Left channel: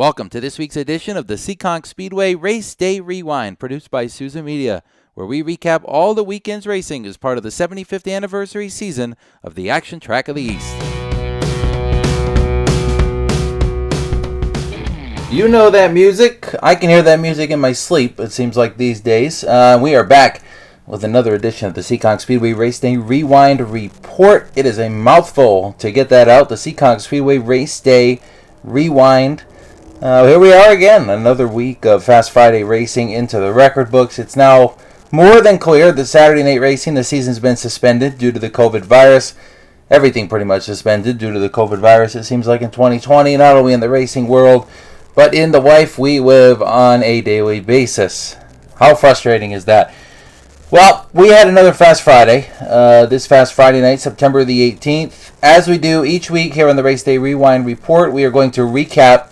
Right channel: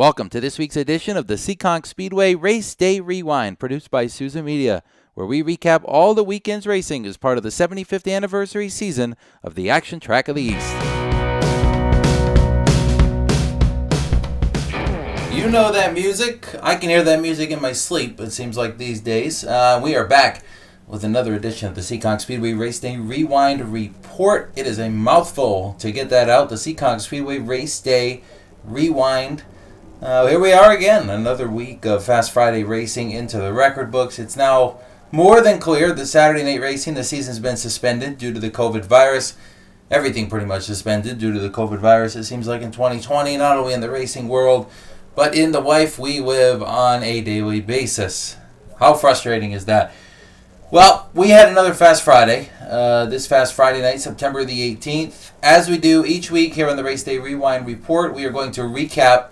Welcome to this week's edition of the Seekonk Speedway Race Day Rewind, produced by Souza Media, where we recap all the weekend's racing as part of the 75th anniversary season of the Action Track of the East. You know that music. I can hear that music in my sleep, it seems like these days. We are back with another edition of the Seekonk Speedway Race Day Rewind Report. It is a mouthful to get that out. The Seekonk Speedway Race Day Rewind. Here we are again, another week of Fast Friday racing into the record books. It's now more than clear that Saturday night racing, the season's been suspended due to the COVID virus. Everything pretty much suspended due to the COVID virus, it seems like, in 2020, not only in the racing world, but in the life we live on a daily basis. How frustrating is that? Well, we had another Fast Friday, this Fast Friday night, September the 18th. As we do each week here on the Race Day Rewind Report, we are going to recap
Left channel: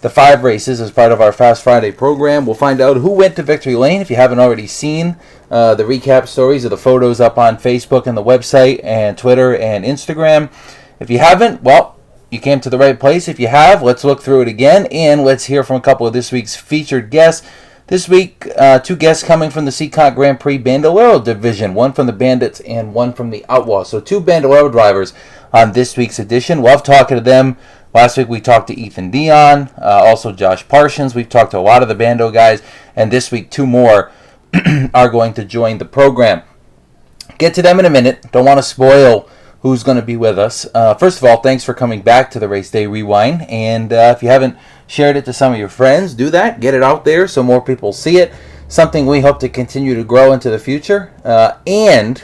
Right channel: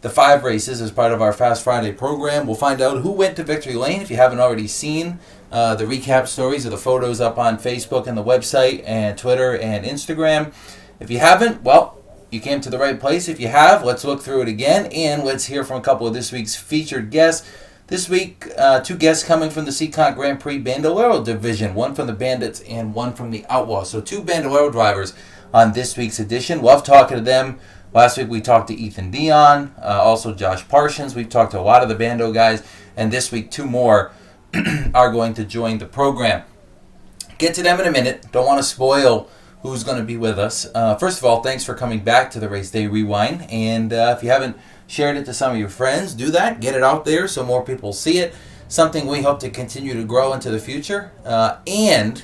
the 5 races as part of our Fast Friday program. We'll find out who went to victory lane. If you haven't already seen the recap stories or the photos up on Facebook and the website and Twitter and Instagram. If you haven't, well, you came to the right place. If you have, let's look through it again, and let's hear from a couple of this week's featured guests. This week, 2 guests coming from the Seekonk Grand Prix Bandolero division, one from the Bandits and one from the Outlaw. So 2 Bandolero drivers on this week's edition. Love talking to them. Last week we talked to Ethan Dion, also Josh Parsons. We've talked to a lot of the Bando guys, and this week 2 more are going to join the program. Get to them in a minute. Don't want to spoil who's going to be with us. First of all, thanks for coming back to the Race Day Rewind, and if you haven't shared it to some of your friends, do that. Get it out there so more people see it. Something we hope to continue to grow into the future. And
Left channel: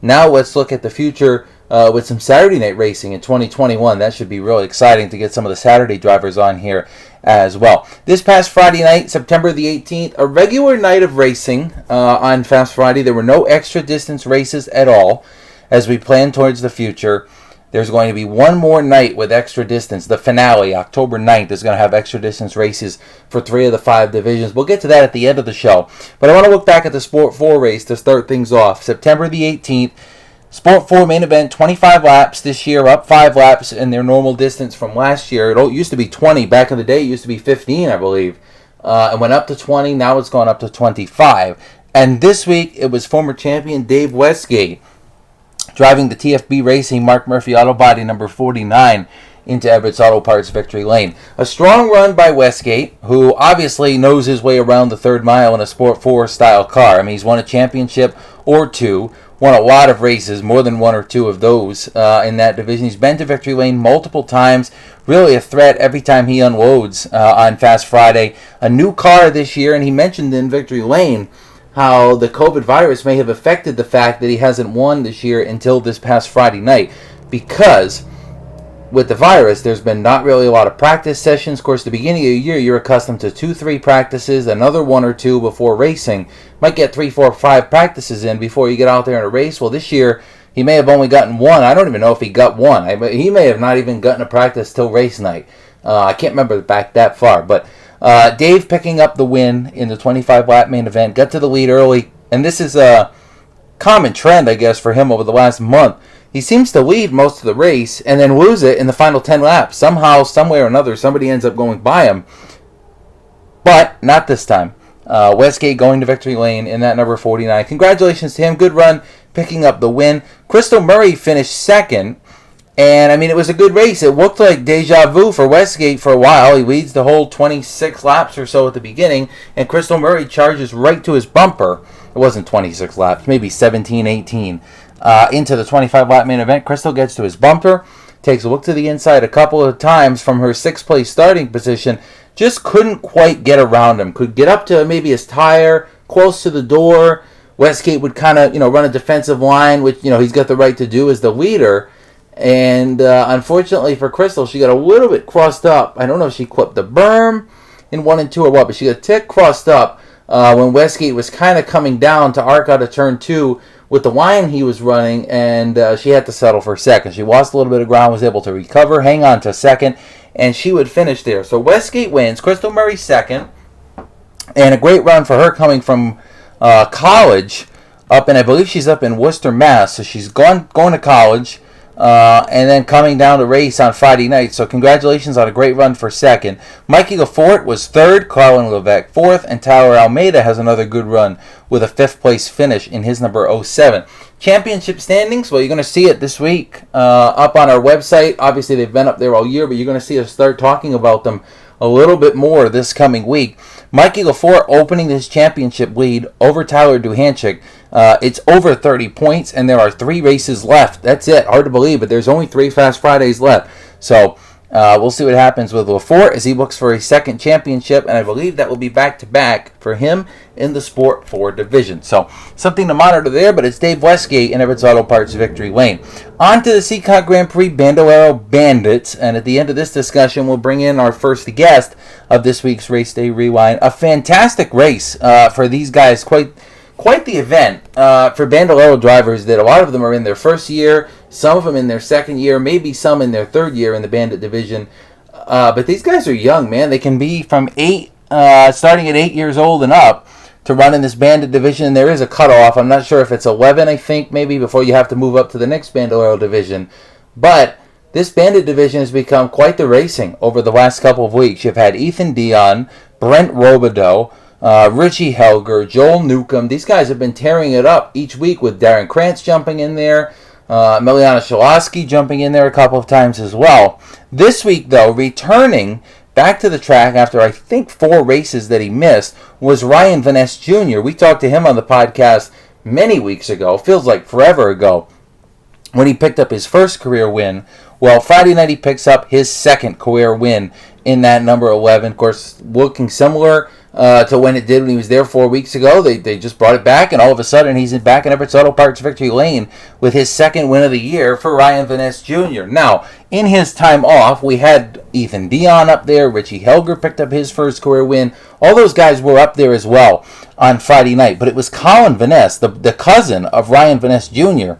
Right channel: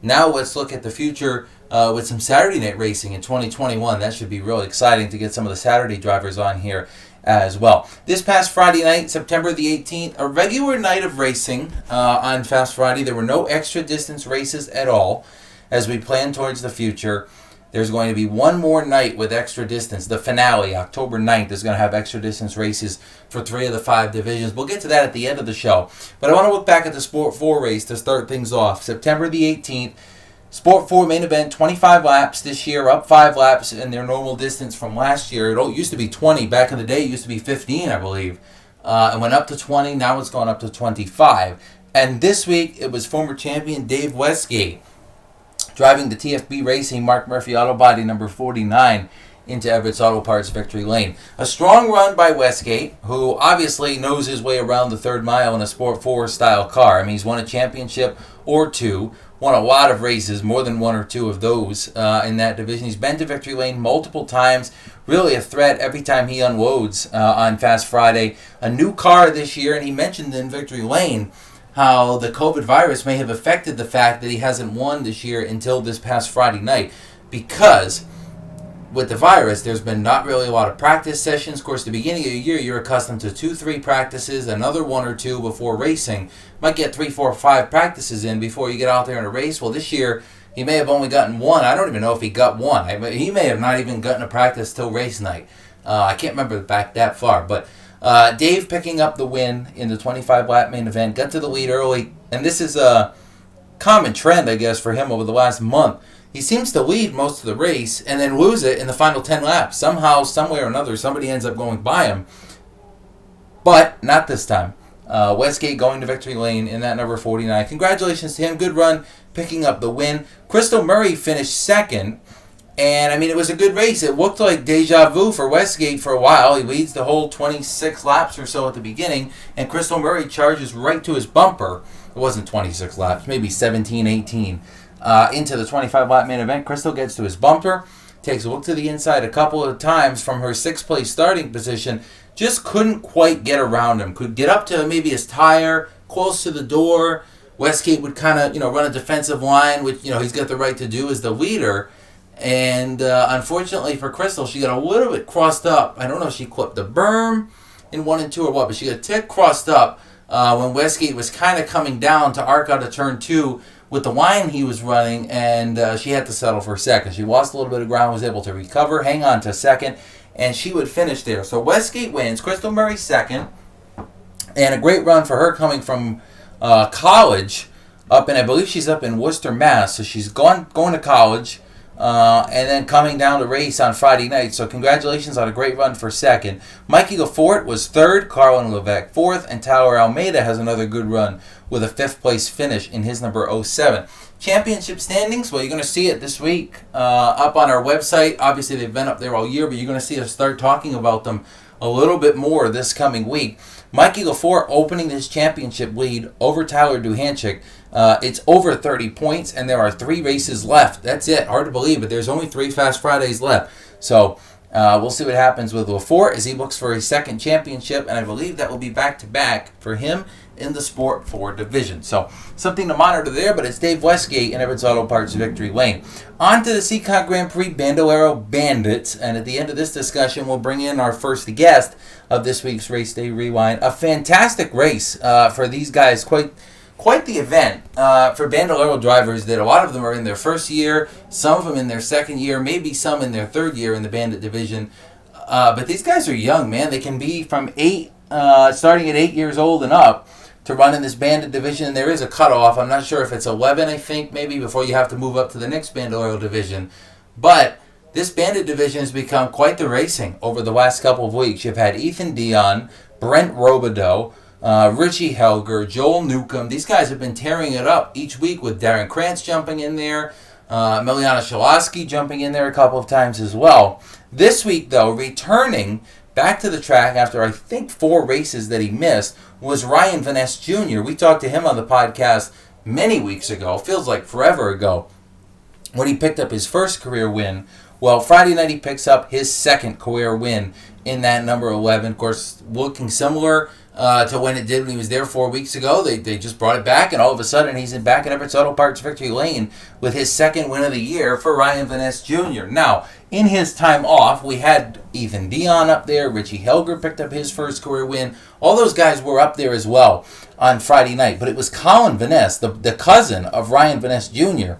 now let's look at the future with some Saturday night racing in 2021. That should be really exciting to get some of the Saturday drivers on here as well. This past Friday night, September the 18th, a regular night of racing on Fast Friday. There were no extra distance races at all. As we plan towards the future, there's going to be one more night with extra distance. The finale, October 9th, is going to have extra distance races for 3 of the 5 divisions. We'll get to that at the end of the show. But I want to look back at the Sport 4 race to start things off. September the 18th, Sport 4 main event, 25 laps this year, up 5 laps in their normal distance from last year. It used to be 20. Back in the day, it used to be 15, I believe. It went up to 20. Now it's gone up to 25. And this week, it was former champion Dave Westgate driving the TFB Racing Mark Murphy Auto Body number 49 into Everett's Auto Parts victory lane. A strong run by Westgate, who obviously knows his way around the 3rd mile in a Sport 4 style car. I mean, he's won a championship or 2. Won a lot of races, more than 1 or 2 of those in that division. He's been to victory lane multiple times. Really a threat every time he unloads on Fast Friday. A new car this year, and he mentioned in victory lane how the COVID virus may have affected the fact that he hasn't won this year until this past Friday night. Because with the virus, there's been not really a lot of practice sessions. Of course, the beginning of the year, you're accustomed to 2-3 practices, another 1 or 2 before racing. Might get 3, 4, 5 practices in before you get out there in a race. Well, this year, he may have only gotten 1. I don't even know if he got 1. He may have not even gotten a practice till race night. I can't remember back that far. But Dave picking up the win in the 25-lap main event, got to the lead early. And this is a common trend, I guess, for him over the last month. He seems to lead most of the race and then lose it in the final 10 laps. Somehow, somewhere or another, somebody ends up going by him. But not this time. Westgate going to victory lane in that number 49. Congratulations to him. Good run, picking up the win. Crystal Murray finished 2nd. And, I mean, it was a good race. It looked like deja vu for Westgate for a while. He leads the whole 26 laps or so at the beginning. And Crystal Murray charges right to his bumper. It wasn't 26 laps, maybe 17, 18. Into the 25-lap main event. Crystal gets to his bumper, takes a look to the inside a couple of times from her 6th place starting position, just couldn't quite get around him. Could get up to maybe his tire, close to the door. Westgate would kind of, run a defensive line, which, he's got the right to do as the leader. And unfortunately for Crystal, she got a little bit crossed up. I don't know if she clipped the berm in 1 and 2 or what, but she got a tick crossed up when Westgate was kind of coming down to arc out of turn 2 with the line he was running, and she had to settle for 2nd. She lost a little bit of ground, was able to recover, hang on to 2nd, and she would finish there. So Westgate wins, Crystal Murray 2nd, and a great run for her coming from college up, and I believe she's up in Worcester, Mass. So she's going to college, And then coming down the race on Friday night. So congratulations on a great run for second. Mikey Lafort was third, Carlin Levesque fourth, and Tyler Almeida has another good run with a fifth place finish in his number 07. Championship standings, well, you're going to see it this week up on our website. Obviously, they've been up there all year, but you're going to see us start talking about them a little bit more this coming week. Mikey Lafort opening his championship lead over Tyler Duhanchik. It's over 30 points, and there are 3 races left. That's it. Hard to believe, but there's only 3 Fast Fridays left. So we'll see what happens with Lafort as he looks for a second championship, and I believe that will be back-to-back for him in the Sport 4 division. So something to monitor there, but it's Dave Westgate in Everett's Auto Parts Victory Lane. On to the Seekonk Grand Prix Bandolero Bandits, and at the end of this discussion, we'll bring in our first guest of this week's Race Day Rewind. A fantastic race for these guys, quite the event for Bandolero drivers that a lot of them are in their first year, some of them in their second year, maybe some in their third year in the Bandit division. But these guys are young, man. They can be from starting at 8 years old and up to run in this Bandit division. There is a cutoff. I'm not sure if it's 11, I think, maybe, before you have to move up to the next Bandolero division. But this Bandit division has become quite the racing over the last couple of weeks. You've had Ethan Dion, Brent Robidoux, Richie Helger, Joel Newcomb. These guys have been tearing it up each week with Darren Krantz jumping in there, Miliana Shaloski jumping in there a couple of times as well. This week, though, returning back to the track after I think 4 races that he missed was Ryan Van Ness Jr. We talked to him on the podcast many weeks ago, feels like forever ago, when he picked up his first career win. Well, Friday night he picks up his second career win in that number 11. Of course, looking similar to when it did when he was there 4 weeks ago. They just brought it back, and all of a sudden he's back in Everett's Auto Parts Victory Lane with his second win of the year for Ryan Van Ness Jr. Now, in his time off, we had Ethan Dion up there. Richie Helger picked up his first career win. All those guys were up there as well on Friday night. But it was Colin Van Ness, the cousin of Ryan Van Ness Jr.,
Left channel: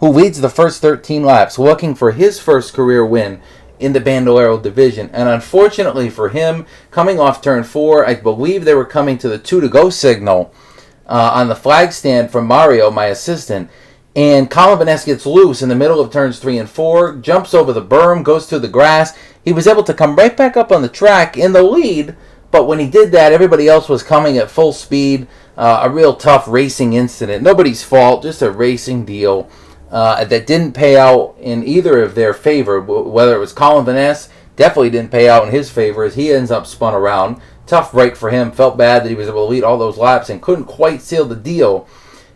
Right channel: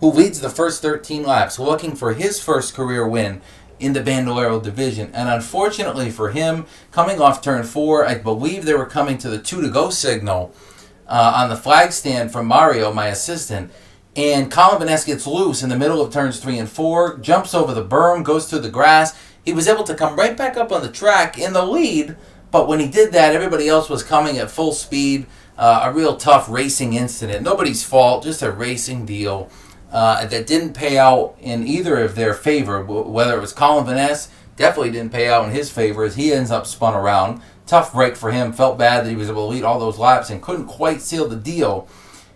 who leads the first 13 laps, looking for his first career win in the Bandolero division. And unfortunately for him, coming off turn 4, I believe they were coming to the 2-to-go signal on the flag stand from Mario, my assistant. And Colin Van Ness gets loose in the middle of turns 3 and 4, jumps over the berm, goes through the grass. He was able to come right back up on the track in the lead, but when he did that, everybody else was coming at full speed. A real tough racing incident. Nobody's fault, just a racing deal that didn't pay out in either of their favor. Whether it was Colin Van Ness, definitely didn't pay out in his favor as he ends up spun around. Tough break for him. Felt bad that he was able to lead all those laps and couldn't quite seal the deal.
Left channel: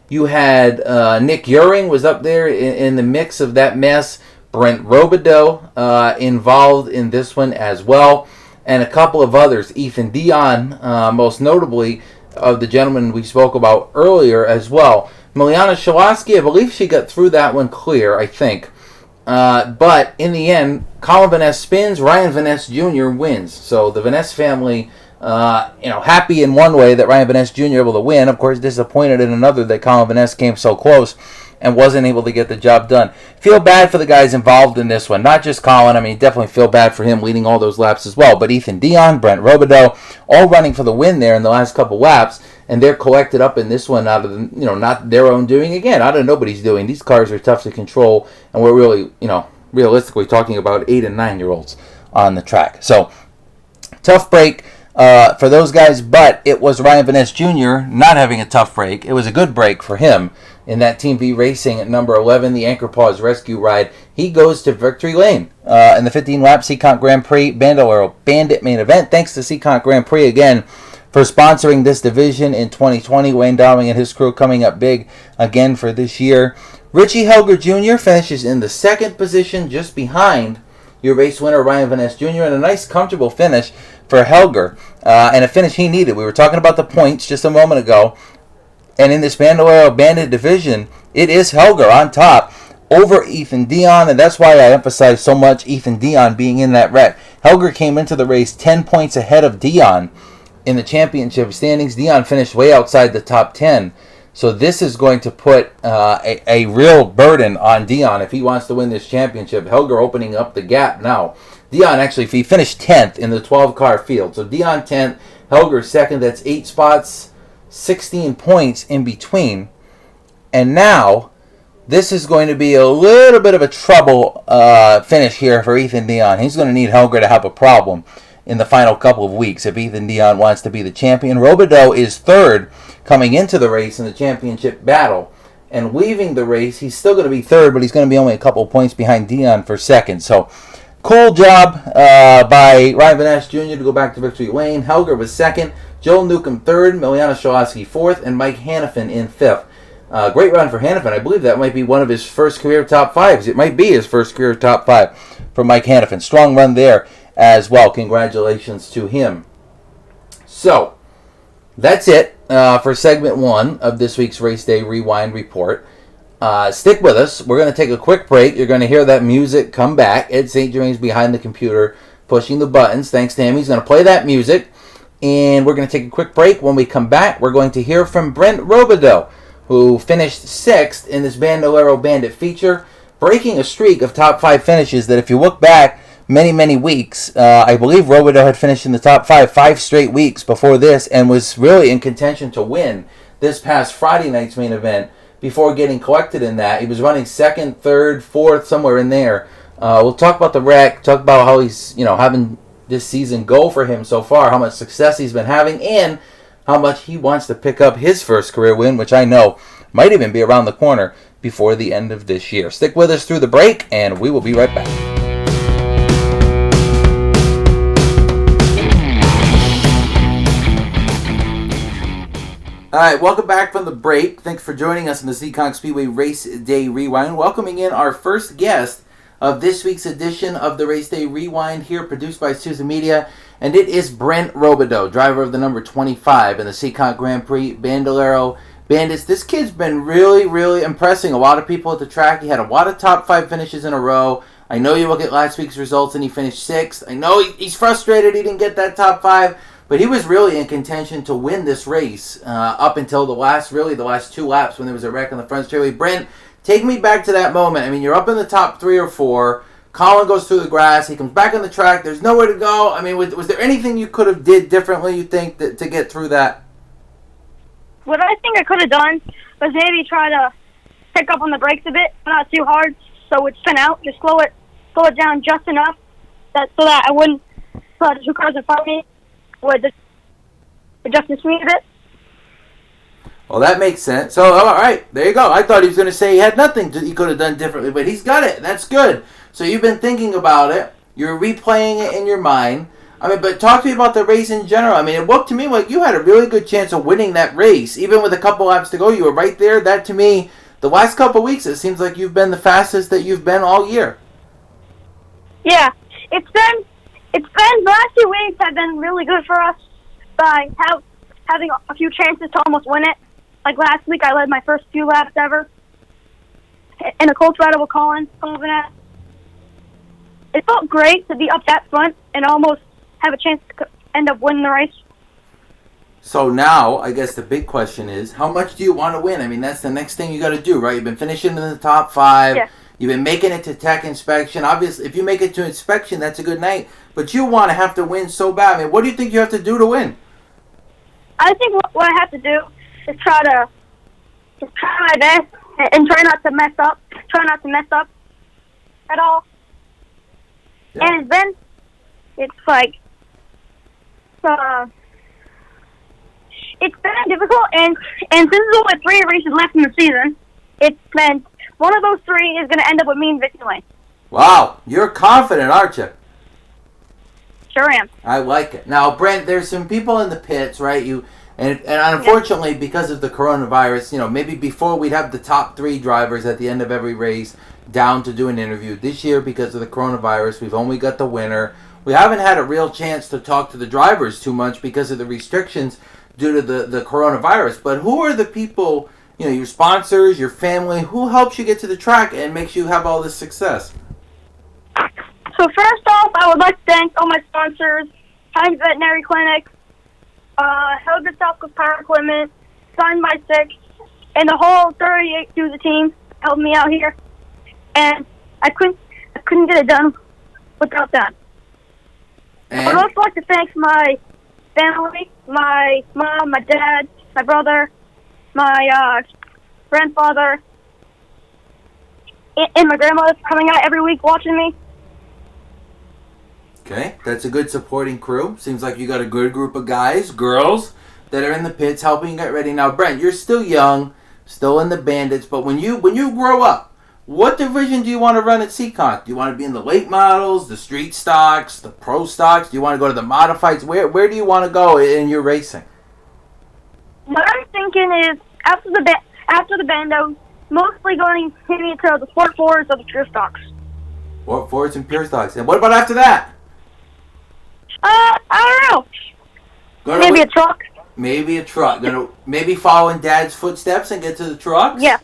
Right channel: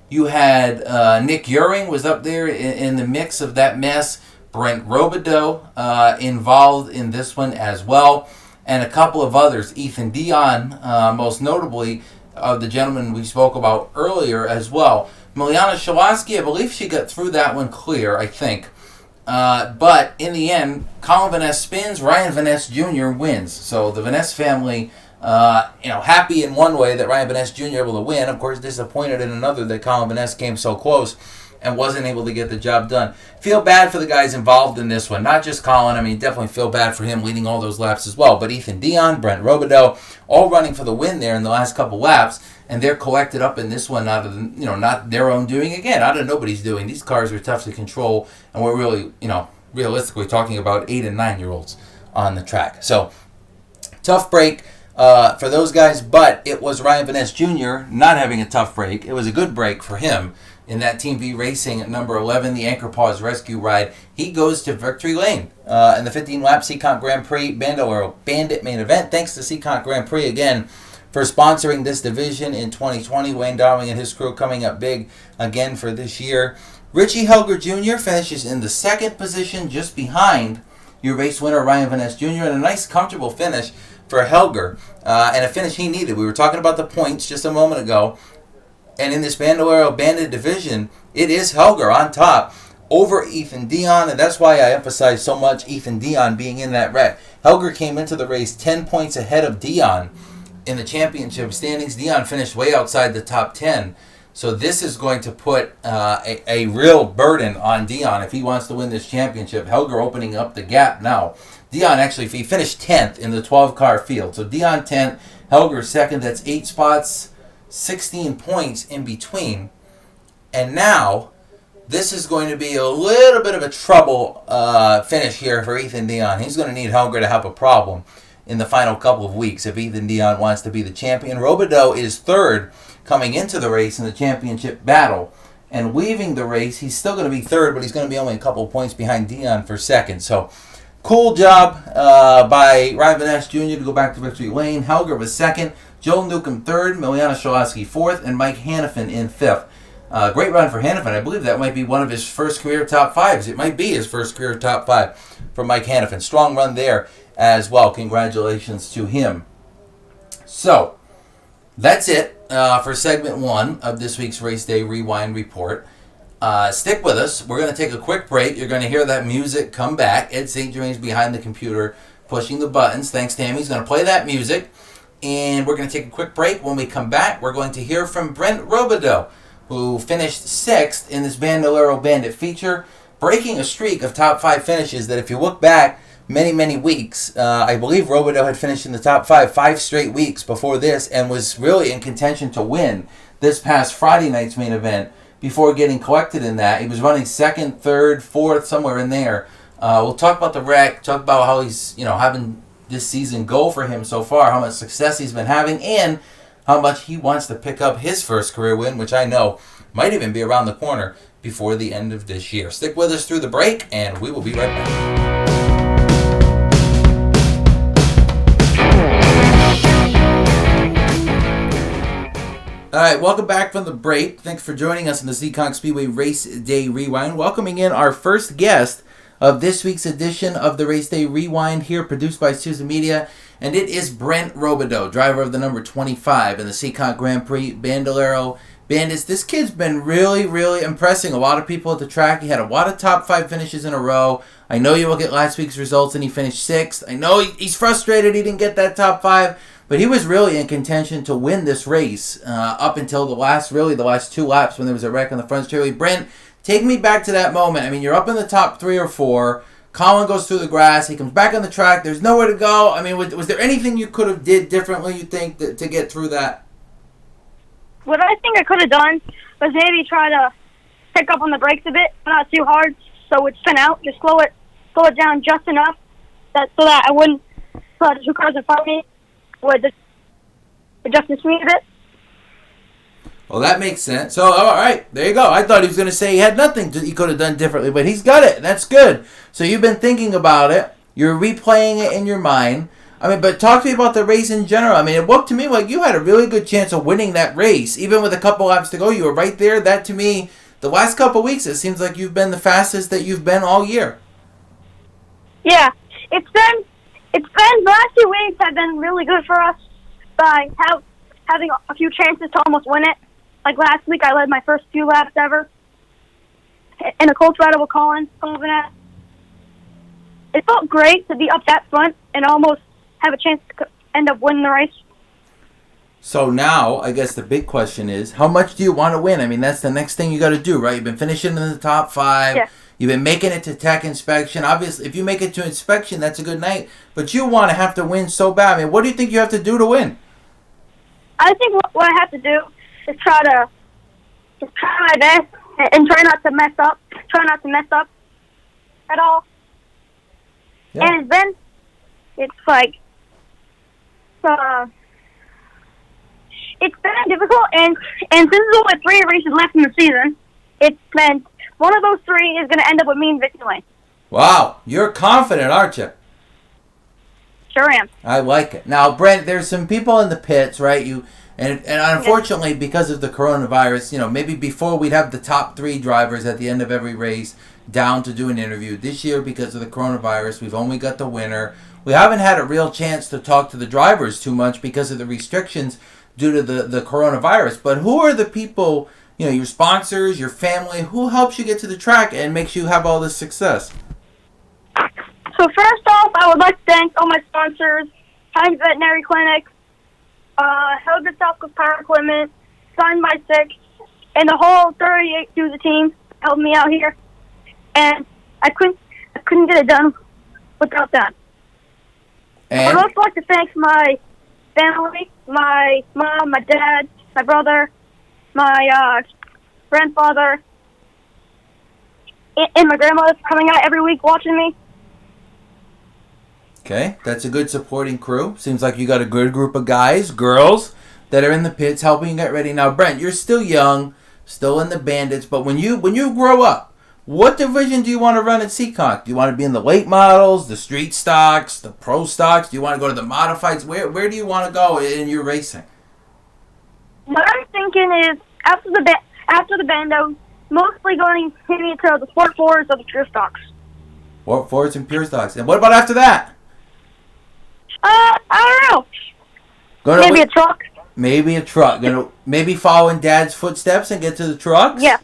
You had Nick Uring was up there in the mix of that mess. Brent Robidoux involved in this one as well. And a couple of others. Ethan Dion, most notably, of the gentleman we spoke about earlier as well. Miliana Shaloski, I believe she got through that one clear, I think. But in the end, Colin Van Ness spins, Ryan Van Ness Jr. wins. So the Van Ness family, happy in one way that Ryan Van Ness Jr. able to win. Of course, disappointed in another that Colin Van Ness came so close and wasn't able to get the job done. Feel bad for the guys involved in this one. Not just Colin. I mean, definitely feel bad for him leading all those laps as well. But Ethan Dion, Brent Robidoux, all running for the win there in the last couple laps. And they're collected up in this one out of, not their own doing. Again, out of nobody's doing. These cars are tough to control. And we're really, realistically talking about 8 and 9-year-olds on the track. So, tough break for those guys. But it was Ryan Van Ness Jr. not having a tough break. It was a good break for him in that Team V Racing at number 11, the Anchor Paws Rescue Ride. He goes to Victory Lane in the 15-lap Seekonk Grand Prix Bandolero Bandit main event. Thanks to Seekonk Grand Prix again for sponsoring this division in 2020. Wayne Dowling and his crew coming up big again for this year. Richie Helger Jr. finishes in the second position just behind your race winner Ryan Van Ness Jr. and a nice comfortable finish for Helger and a finish he needed. We were talking about the points just a moment ago. And in this Bandolero Bandit division, it is Helger on top over Ethan Dion, and that's why I emphasize so much Ethan Dion being in that wreck. Helger came into the race 10 points ahead of Dion in the championship standings. Dion finished way outside the top 10. So this is going to put a real burden on Dion if he wants to win this championship. Helger opening up the gap now. Dion actually, if he finished 10th in the 12-car field. So Dion 10th, Helger 2nd. That's 8 spots, 16 points in between. And now this is going to be a little bit of a trouble finish here for Ethan Dion. He's going to need Helger to have a problem in the final couple of weeks if Ethan Dion wants to be the champion. Robidoux is third coming into the race in the championship battle. And leaving the race, he's still going to be third, but he's going to be only a couple of points behind Dion for second. So, cool job by Ryan Van Ness Jr. to go back to victory lane. Helger was second, Joel Newcomb third, Miliana Shalaski fourth, and Mike Hannafin in fifth. Great run for Hannafin. I believe that might be one of his first career top fives. It might be his first career top five for Mike Hannafin. Strong run there as well. Congratulations to him. So, that's it for segment one of this week's Race Day Rewind Report. Stick with us. We're going to take a quick break. You're going to hear that music come back. Ed St. Germain's behind the computer pushing the buttons. Thanks to him. He's going to play that music. And we're going to take a quick break. When we come back, we're going to hear from Brent Robidoux, who finished sixth in this Bandolero Bandit feature, breaking a streak of top five finishes that if you look back many weeks, I believe Robidoux had finished in the top five straight weeks before this and was really in contention to win this past Friday night's main event before getting collected in that. He was running second, third, fourth, somewhere in there. We'll talk about the wreck, talk about how he's having this season go for him so far, how much success he's been having, and how much he wants to pick up his first career win, which I know might even be around the corner before the end of this year. Stick with us through the break, and we will be right back. All right, welcome back from the break. Thanks for joining us in the Seekonk Speedway Race Day Rewind. Welcoming in our first guest of this week's edition of the Race Day Rewind here, produced by Souza Media, and it is Brent Robidoux, driver of the number 25 in the Seekonk Grand Prix Bandolero Bandits. This kid's been really impressing a lot of people at the track. He had a lot of top five finishes in a row. I know you look at last week's results and he finished sixth. I know he's frustrated he didn't get that top five, but he was really in contention to win this race up until the last two laps when there was a wreck on the front straightaway. Brent, take me back to that moment. I mean, you're up in the top 3 or 4. Colin goes through the grass. He comes back on the track. There's nowhere to go. I mean, was there anything you could have did differently, you think, to get through that? What I think I could have done was maybe try to pick up on the brakes a bit, not too hard, so it would spin out. Just slow it down just enough so that I wouldn't, so the two cars in front of me would just adjust the speed a bit. Well, that makes sense. So, all right, there you go. I thought he was going to say he had nothing he could have done differently, but he's got it. That's good. So you've been thinking about it. You're replaying it in your mind. I mean, but talk to me about the race in general. I mean, it looked to me like you had a really good chance of winning that race. Even with a couple laps to go, you were right there. That, to me, the last couple weeks, it seems like you've been the fastest that you've been all year. Yeah, it's been the last 2 weeks have been really good for us by having a few chances to almost win it. Like last week, I led my first few laps ever in a Colts battle with Colin. It felt great to be up that front and almost have a chance to end up winning the race. So now, I guess the big question is, how much do you want to win? I mean, that's the next thing you got to do, right? You've been finishing in the top 5. Yeah. You've been making it to tech inspection. Obviously, if you make it to inspection, that's a good night. But you want to have to win so bad. I mean, what do you think you have to do to win? I think what I have to do is try my best and try not to mess up. Try not to mess up at all. Yeah. And then it's like it's been difficult, and since there's only 3 races left in the season, it's been one of those 3 is going to end up with me in victory lane. Wow, you're confident, aren't you? Sure am. I like it. Now, Brent, there's some people in the pits, right? And unfortunately, because of the coronavirus, maybe before we'd have the top 3 drivers at the end of every race down to do an interview. This year, because of the coronavirus, we've only got the winner. We haven't had a real chance to talk to the drivers too much because of the restrictions due to the coronavirus. But who are the people, your sponsors, your family, who helps you get to the track and makes you have all this success? So first off, I would like to thank all my sponsors, Heinz Veterinary Clinic, Helga South Coast Power Equipment, Signed by 6, and the whole 38 Souza team helped me out here. And I couldn't get it done without them. And I'd also like to thank my family, my mom, my dad, my brother, my grandfather, and my grandma's coming out every week watching me. Okay, that's a good supporting crew. Seems like you got a good group of guys, girls, that are in the pits helping you get ready. Now, Brent, you're still young, still in the Bandits, but when you grow up, what division do you want to run at Seekonk? Do you want to be in the late models, the street stocks, the pro stocks? Do you want to go to the modifieds? Where do you want to go in your racing? What I'm thinking is after the bandos, mostly going maybe into the Sport 4s or the Pure Stocks. Sport 4s and Pure stocks. And what about after that? I don't know. Maybe a truck. Maybe a truck. Maybe follow in Dad's footsteps and get to the trucks? Yeah.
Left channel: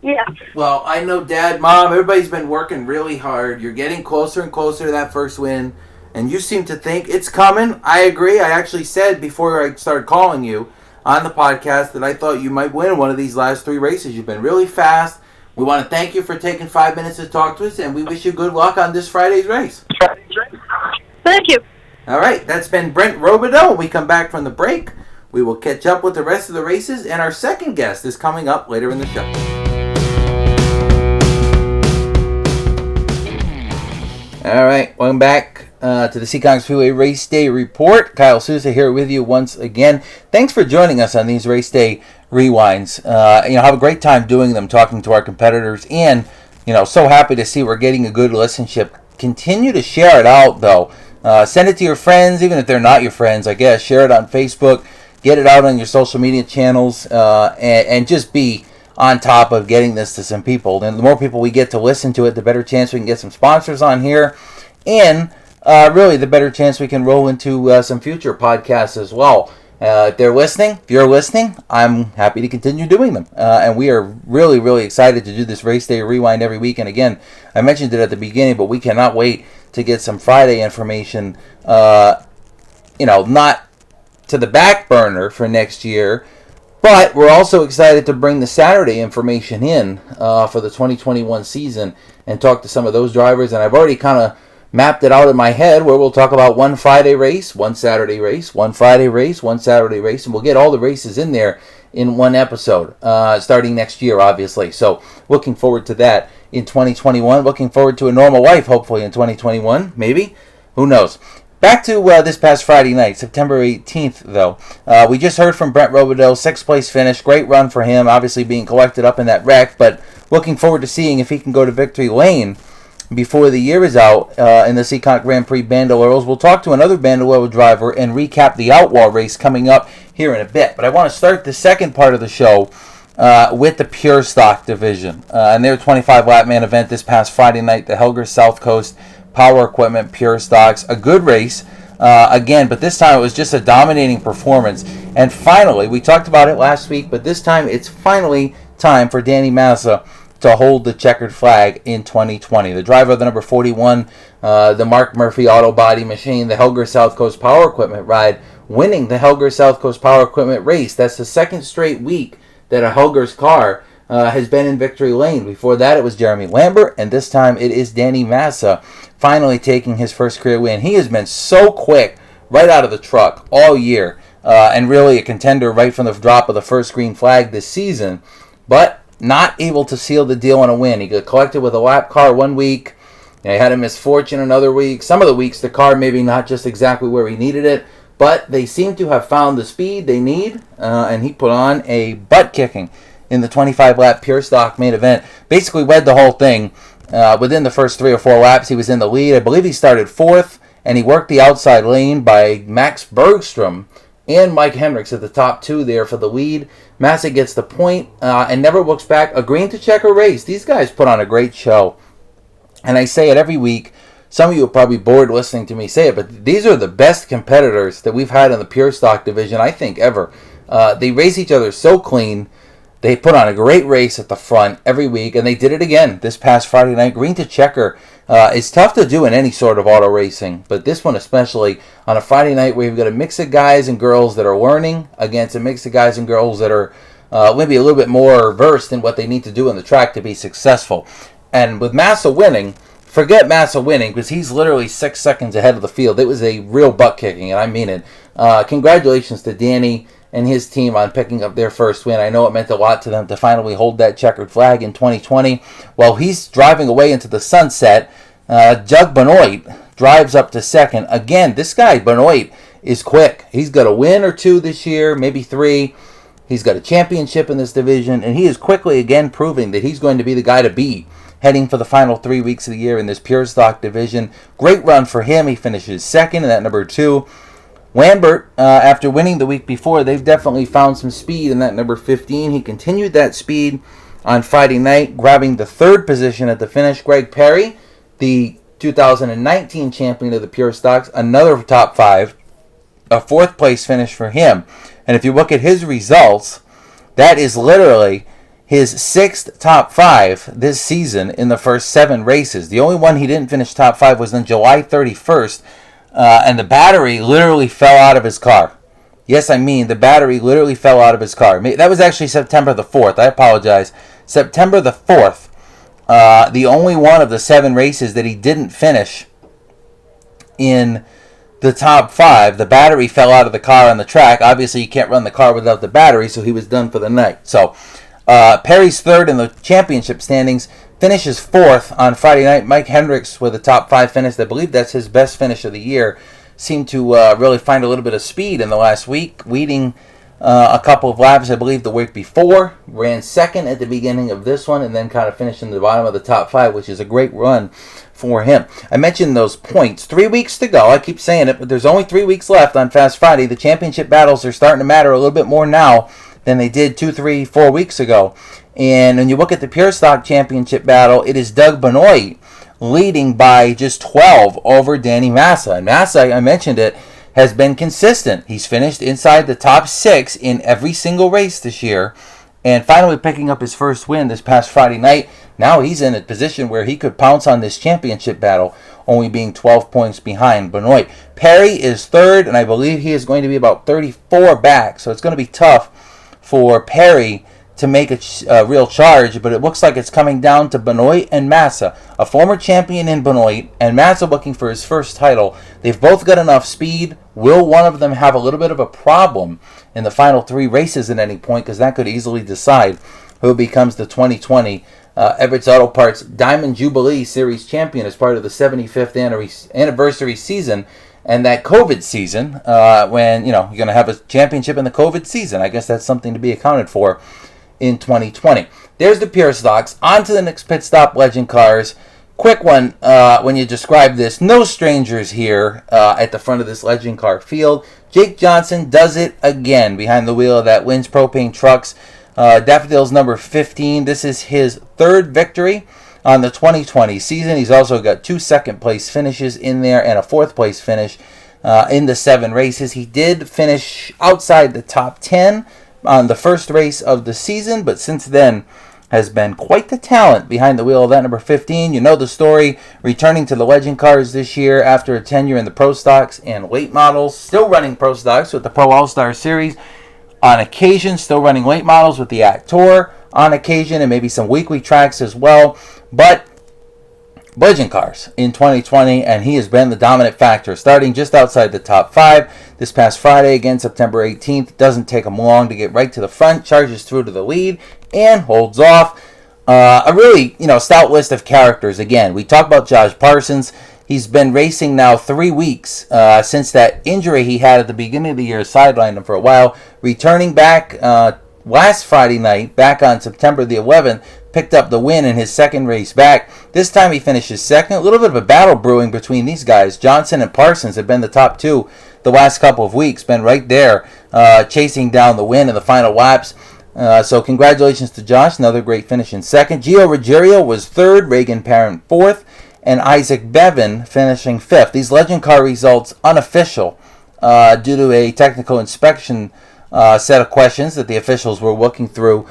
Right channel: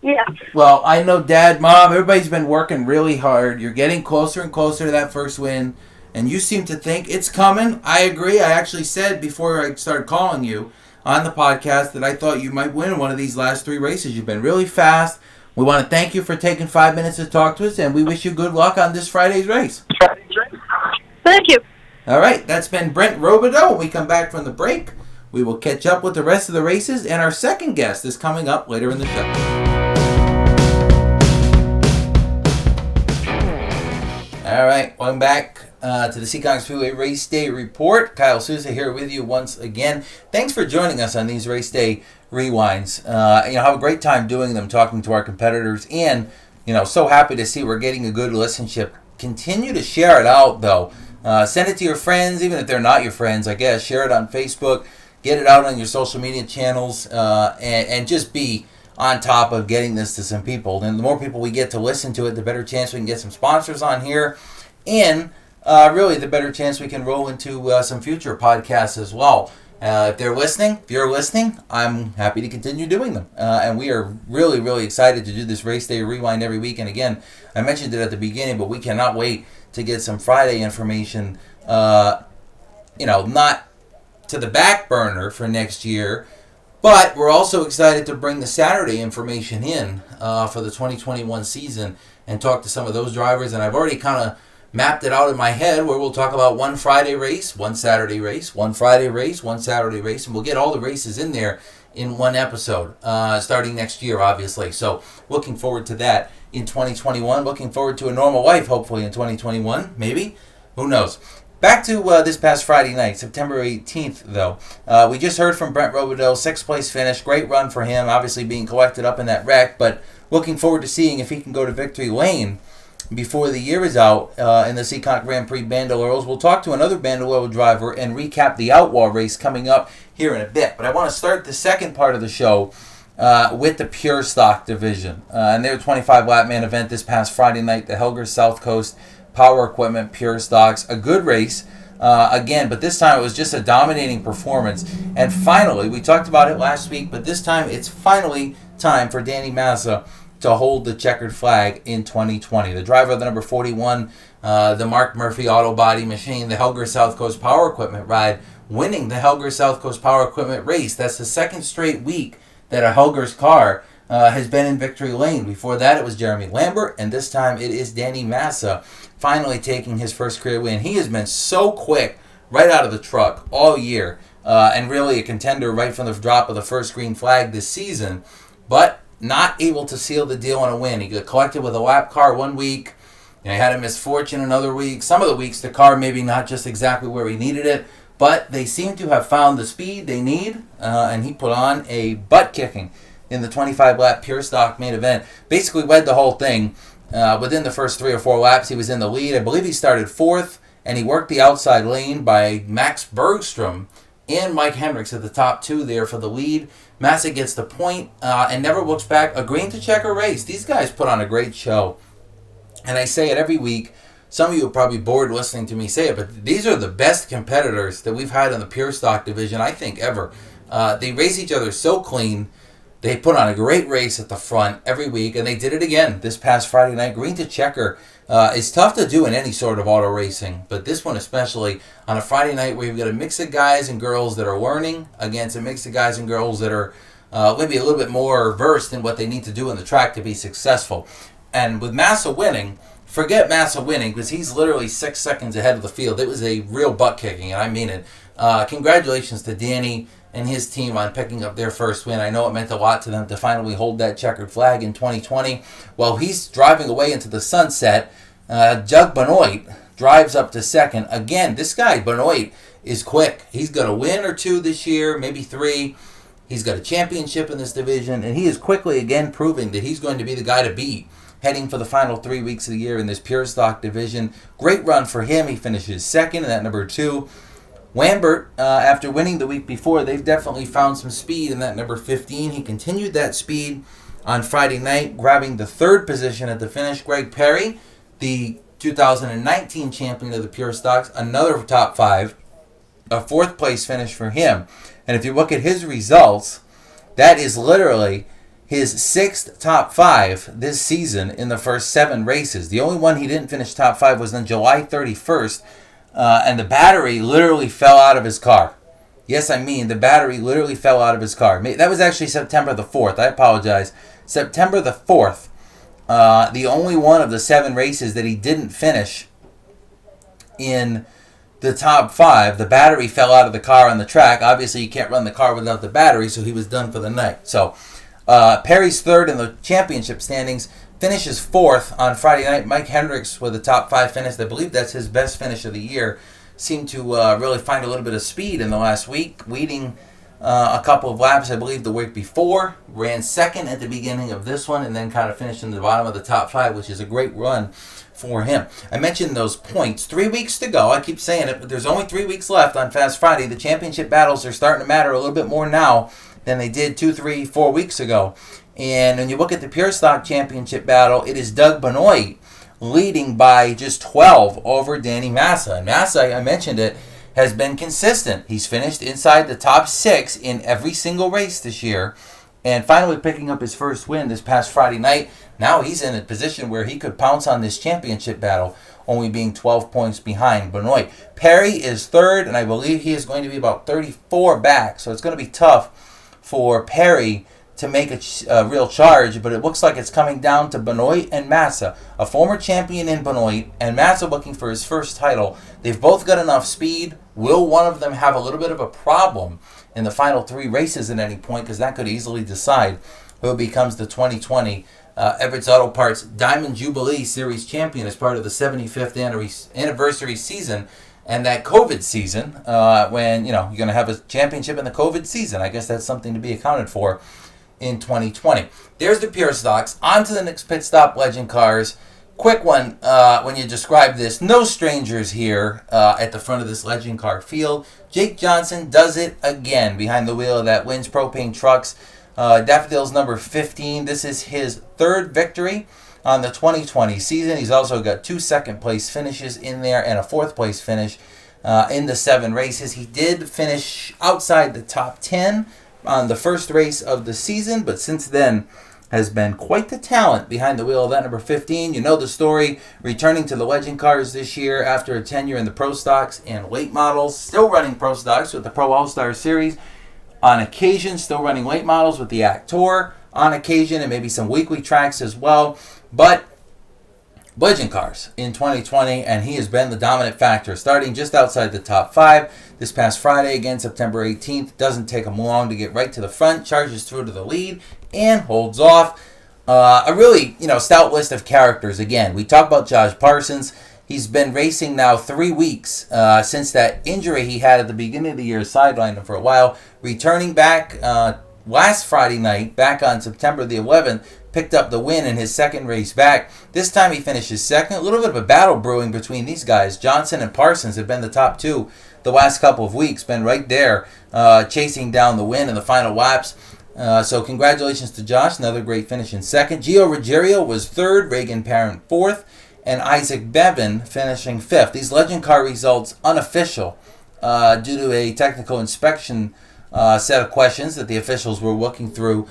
Yeah. Well, I know Dad, Mom, everybody's been working really hard. You're getting closer and closer to that first win, and you seem to think it's coming. I agree. I actually said before I started calling you on the podcast that I thought you might win one of these last 3 races. You've been really fast. We want to thank you for taking 5 minutes to talk to us, and we wish you good luck on this Friday's race. Thank you. All right, that's been Brent Robidoux. When we come back from the break, we will catch up with the rest of the races, and our second guest is coming up later in the show. All right, welcome back to the Seekonk Speedway Race Day Report. Kyle Souza here with you once again. Thanks for joining us on these Race Day Rewinds. Have a great time doing them, talking to our competitors, and, so happy to see we're getting a good listenership. Continue to share it out, though. Send it to your friends, even if they're not your friends, I guess. Share it on Facebook. Get it out on your social media channels, and just be on top of getting this to some people. And the more people we get to listen to it, the better chance we can get some sponsors on here. And really, the better chance we can roll into some future podcasts as well. If you're listening, I'm happy to continue doing them. And we are really, really excited to do this Race Day Rewind every week. And again, I mentioned it at the beginning, but we cannot wait to get some Friday information, not to the back burner for next year, but we're also excited to bring the Saturday information in for the 2021 season and talk to some of those drivers. And I've already kind of mapped it out in my head where we'll talk about one Friday race, one Saturday race, one Friday race, one Saturday race, and we'll get all the races in there in one episode starting next year, obviously. So looking forward to that in 2021. Looking forward to a normal life, hopefully, in 2021. Maybe. Who knows? Back to this past Friday night, September 18th, though. We just heard from Brent Robidoux, 6th place finish. Great run for him, obviously being collected up in that wreck, but looking forward to seeing if he can go to victory lane before the year is out in the Seekonk Grand Prix Bandoleros. We'll talk to another Bandolero driver and recap the Outlaw race coming up here in a bit. But I want to start the second part of the show with the Pure Stock division and their 25-lap man event this past Friday night, the Helger South Coast Power Equipment Pure Stocks. A good race again, but this time it was just a dominating performance. And finally, we talked about it last week, but this time it's finally time for Danny Massa to hold the checkered flag in 2020. The driver of the number 41, the Mark Murphy Auto Body Machine, the Helger South Coast Power Equipment ride, winning the Helger South Coast Power Equipment race. That's the second straight week that a Helger's car has been in victory lane. Before that, it was Jeremy Lambert, and this time it is Danny Massa finally taking his first career win. He has been so quick right out of the truck all year, and really a contender right from the drop of the first green flag this season, but not able to seal the deal on a win. He got collected with a lap car one week. He had a misfortune another week. Some of the weeks, the car maybe not just exactly where he needed it, but they seem to have found the speed they need, and he put on a butt-kicking in the 25-lap Pure Stock main event. Basically led the whole thing. Within the first 3 or 4 laps, he was in the lead. I believe he started 4th, and he worked the outside lane by Max Bergstrom and Mike Hendricks at the top 2 there for the lead. Massa gets the point and never looks back. A green to checker race. These guys put on a great show. And I say it every week. Some of you are probably bored listening to me say it, but these are the best competitors that we've had in the Pure Stock division, I think, ever. They race each other so clean. They put on a great race at the front every week, and they did it again this past Friday night. Green to checker is tough to do in any sort of auto racing, but this one especially on a Friday night where you've got a mix of guys and girls that are learning against a mix of guys and girls that are maybe a little bit more versed in what they need to do on the track to be successful. And with Massa winning, forget Massa winning because he's literally 6 seconds ahead of the field. It was a real butt kicking, and I mean it. Congratulations to Danny and his team on picking up their first win. I know it meant a lot to them to finally hold that checkered flag in 2020. While he's driving away into the sunset, Jug Benoit drives up to second. Again, this guy, Benoit, is quick. He's got a win or two this year, maybe 3. He's got a championship in this division, and he is quickly again proving that he's going to be the guy to beat heading for the final 3 weeks of the year in this pure stock division. Great run for him. He finishes second in that number 2. Lambert, after winning the week before, they've definitely found some speed in that number 15. He continued that speed on Friday night, grabbing the 3rd position at the finish. Greg Perry, the 2019 champion of the pure stocks, another top 5, a 4th place finish for him. And if you look at his results, that is literally his 6th top 5 this season in the first 7 races. The only one he didn't finish top 5 was on July 31st, and the battery literally fell out of his car. Yes, I mean, the battery literally fell out of his car. That was actually September the 4th. I apologize. September the 4th, the only one of the 7 races that he didn't finish in the top 5, the battery fell out of the car on the track. Obviously, you can't run the car without the battery, so he was done for the night. So, Perry's 3rd in the championship standings, finishes 4th on Friday night. Mike Hendricks with a top 5 finish. I believe that's his best finish of the year. Seemed to really find a little bit of speed in the last week, leading a couple of laps, I believe, the week before. Ran 2nd at the beginning of this one, and then kind of finished in the bottom of the top 5, which is a great run for him. I mentioned those points. 3 weeks to go. I keep saying it, but there's only 3 weeks left on Fast Friday. The championship battles are starting to matter a little bit more now than they did 2, 3, 4 weeks ago. And when you look at the Pure Stock Championship battle, it is Doug Benoit leading by just 12 over Danny Massa. And Massa, I mentioned it, has been consistent. He's finished inside the top 6 in every single race this year, and finally picking up his first win this past Friday night. Now he's in a position where he could pounce on this championship battle, only being 12 points behind Benoit. Perry is 3rd, and I believe he is going to be about 34 back, so it's going to be tough for Perry to make a real charge, but it looks like it's coming down to Benoit and Massa, a former champion in Benoit, and Massa looking for his first title. They've both got enough speed. Will one of them have a little bit of a problem in the final 3 races at any point, because that could easily decide who becomes the 2020 Everett's Auto Parts Diamond Jubilee Series champion as part of the 75th anniversary season and that COVID season, when you're going to have a championship in the COVID season. I guess that's something to be accounted for in 2020. There's the pure stocks. On to the next pit stop, Legend Cars. Quick one, when you describe this, no strangers here at the front of this Legend Car field. Jake Johnson does it again behind the wheel of that Wynn's Propane Trucks. Daffodils number 15. This is his 3rd victory on the 2020 season. He's also got 2 second-place finishes in there and a 4th-place finish in the 7 races. He did finish outside the top 10 on the first race of the season, but since then has been quite the talent behind the wheel of that number 15. You know the story, returning to the Legend Cars this year after a tenure in the Pro Stocks and late models, still running Pro Stocks with the Pro All-Star Series. On occasion, still running late models with the Actor on occasion, and maybe some weekly tracks as well. But Legend Cars in 2020, and he has been the dominant factor, starting just outside the top 5 this past Friday, again September 18th. Doesn't take him long to get right to the front, charges through to the lead, and holds off. A really, stout list of characters. Again, we talk about Josh Parsons. He's been racing now 3 weeks since that injury he had at the beginning of the year, sidelined him for a while. Returning back last Friday night, back on September the 11th, picked up the win in his 2nd race back. This time he finishes 2nd. A little bit of a battle brewing between these guys. Johnson and Parsons have been the top 2 the last couple of weeks, been right there chasing down the win in the final laps. So congratulations to Josh, another great finish in 2nd. Gio Ruggiero was 3rd, Reagan Parent 4th, and Isaac Bevan finishing 5th. These Legend Car results unofficial due to a technical inspection set of questions that the officials were looking through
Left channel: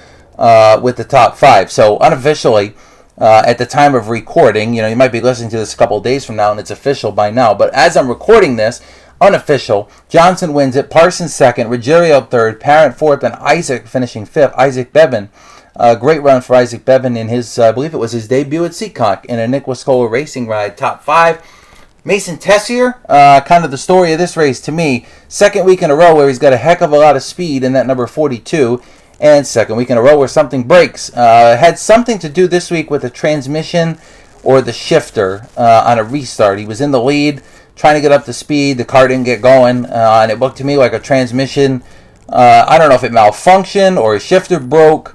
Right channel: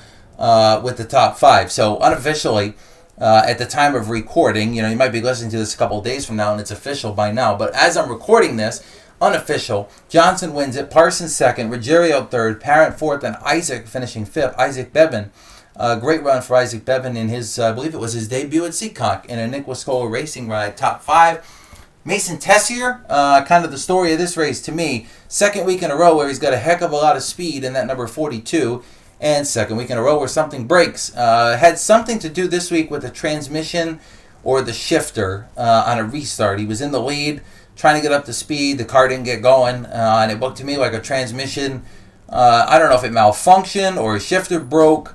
with the top 5. So unofficially, at the time of recording, you might be listening to this a couple of days from now and it's official by now, but as I'm recording this, unofficial, Johnson wins it, Parsons 2nd, Ruggiero 3rd, Parent 4th, and Isaac finishing 5th. Isaac Bevan, great run for Isaac Bevan in his, I believe it was his debut at Seekonk in a Nick Wascola racing ride, top 5. Mason Tessier, kind of the story of this race to me. Second week in a row where he's got a heck of a lot of speed in that number 42. And second week in a row where something breaks. Had something to do this week with the transmission or the shifter on a restart. He was in the lead, trying to get up to speed. The car didn't get going. And it looked to me like a transmission. I don't know if it malfunctioned or a shifter broke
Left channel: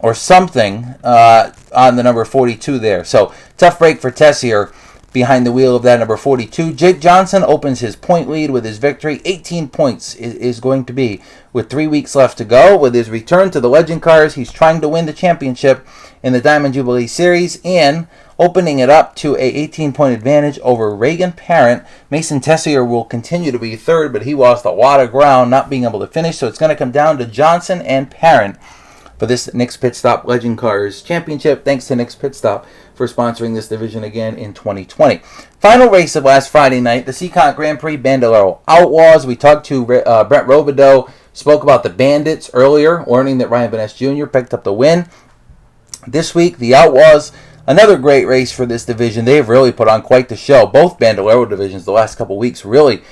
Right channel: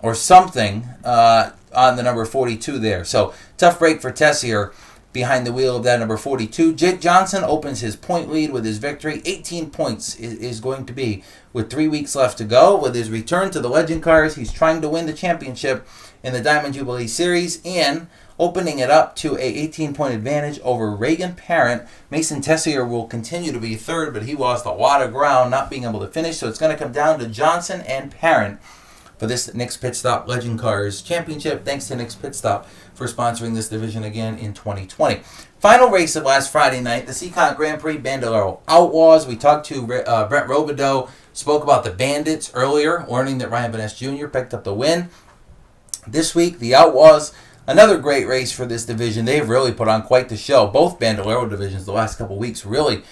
or something on the number 42 there. So tough break for Tessier behind the wheel of that number 42. Jake Johnson opens his point lead with his victory. 18 points is going to be with 3 weeks left to go. With his return to the Legend Cars, he's trying to win the championship in the Diamond Jubilee Series and opening it up to a 18-point advantage over Reagan Parent. Mason Tessier will continue to be third, but he lost a lot of ground not being able to finish, so it's going to come down to Johnson and Parent for this Nick's Pit Stop Legend Cars Championship. Thanks to Nick's Pit Stop for sponsoring this division again in 2020. Final race of last Friday night, the Seekonk Grand Prix Bandolero Outlaws. We talked to Brent Robidoux, spoke about the Bandits earlier, learning that Ryan Van Jr. picked up the win. This week, the Outlaws, another great race for this division. They've really put on quite the show. Both Bandolero divisions the last couple weeks really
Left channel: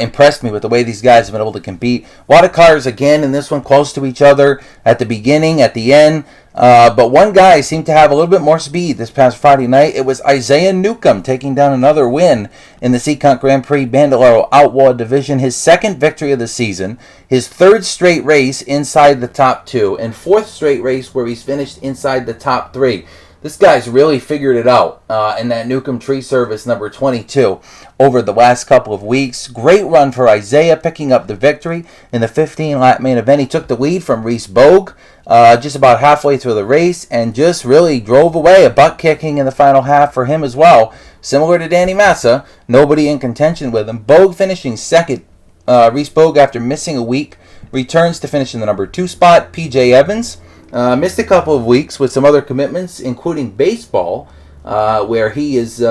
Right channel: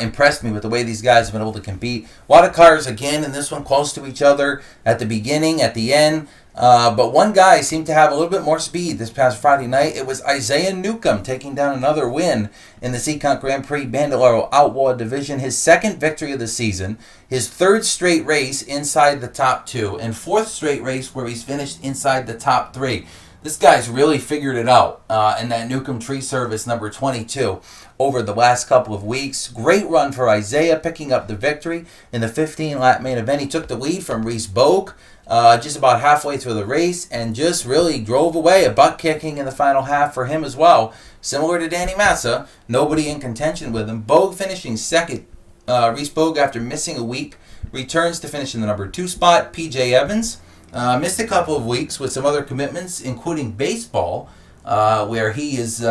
impressed me with the way these guys have been able to compete. A lot of cars, again, in this one close to each other at the beginning, at the end. But one guy seemed to have a little bit more speed this past Friday night. It was Isaiah Newcomb taking down another win in the Seekonk Grand Prix Bandolero Outlaw division. His second victory of the season, his third straight race inside the top two, and fourth straight race where he's finished inside the top three. This guy's really figured it out in that Newcomb Tree Service number 22 over the last couple of weeks. Great run for Isaiah, picking up the victory in the 15-lap main event. He took the lead from Reese Bogue just about halfway through the race and just really drove away. A butt kicking in the final half for him as well. Similar to Danny Massa, nobody in contention with him. Bogue finishing second. Reese Bogue, after missing a week, returns to finish in the number 2 spot. PJ Evans missed a couple of weeks with some other commitments, including baseball, where he is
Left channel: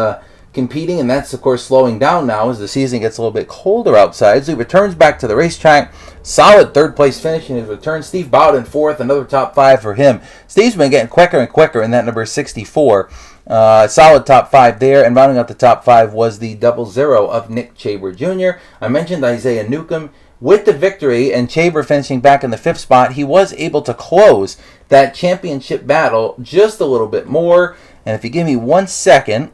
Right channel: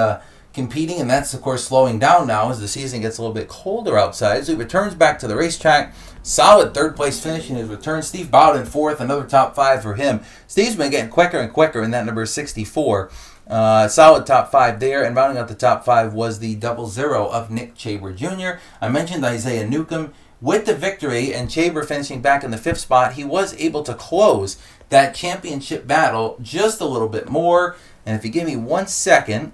competing, and that's, of course, slowing down now as the season gets a little bit colder outside. So he returns back to the racetrack. Solid third-place finish in his return. Steve Bowden fourth, another top 5 for him. Steve's been getting quicker and quicker in that number 64. Solid top 5 there, and rounding out the top 5 was the 00 of Nick Chaber Jr. I mentioned Isaiah Newcomb. With the victory and Chaber finishing back in the 5th spot, he was able to close that championship battle just a little bit more. And if you give me 1 second,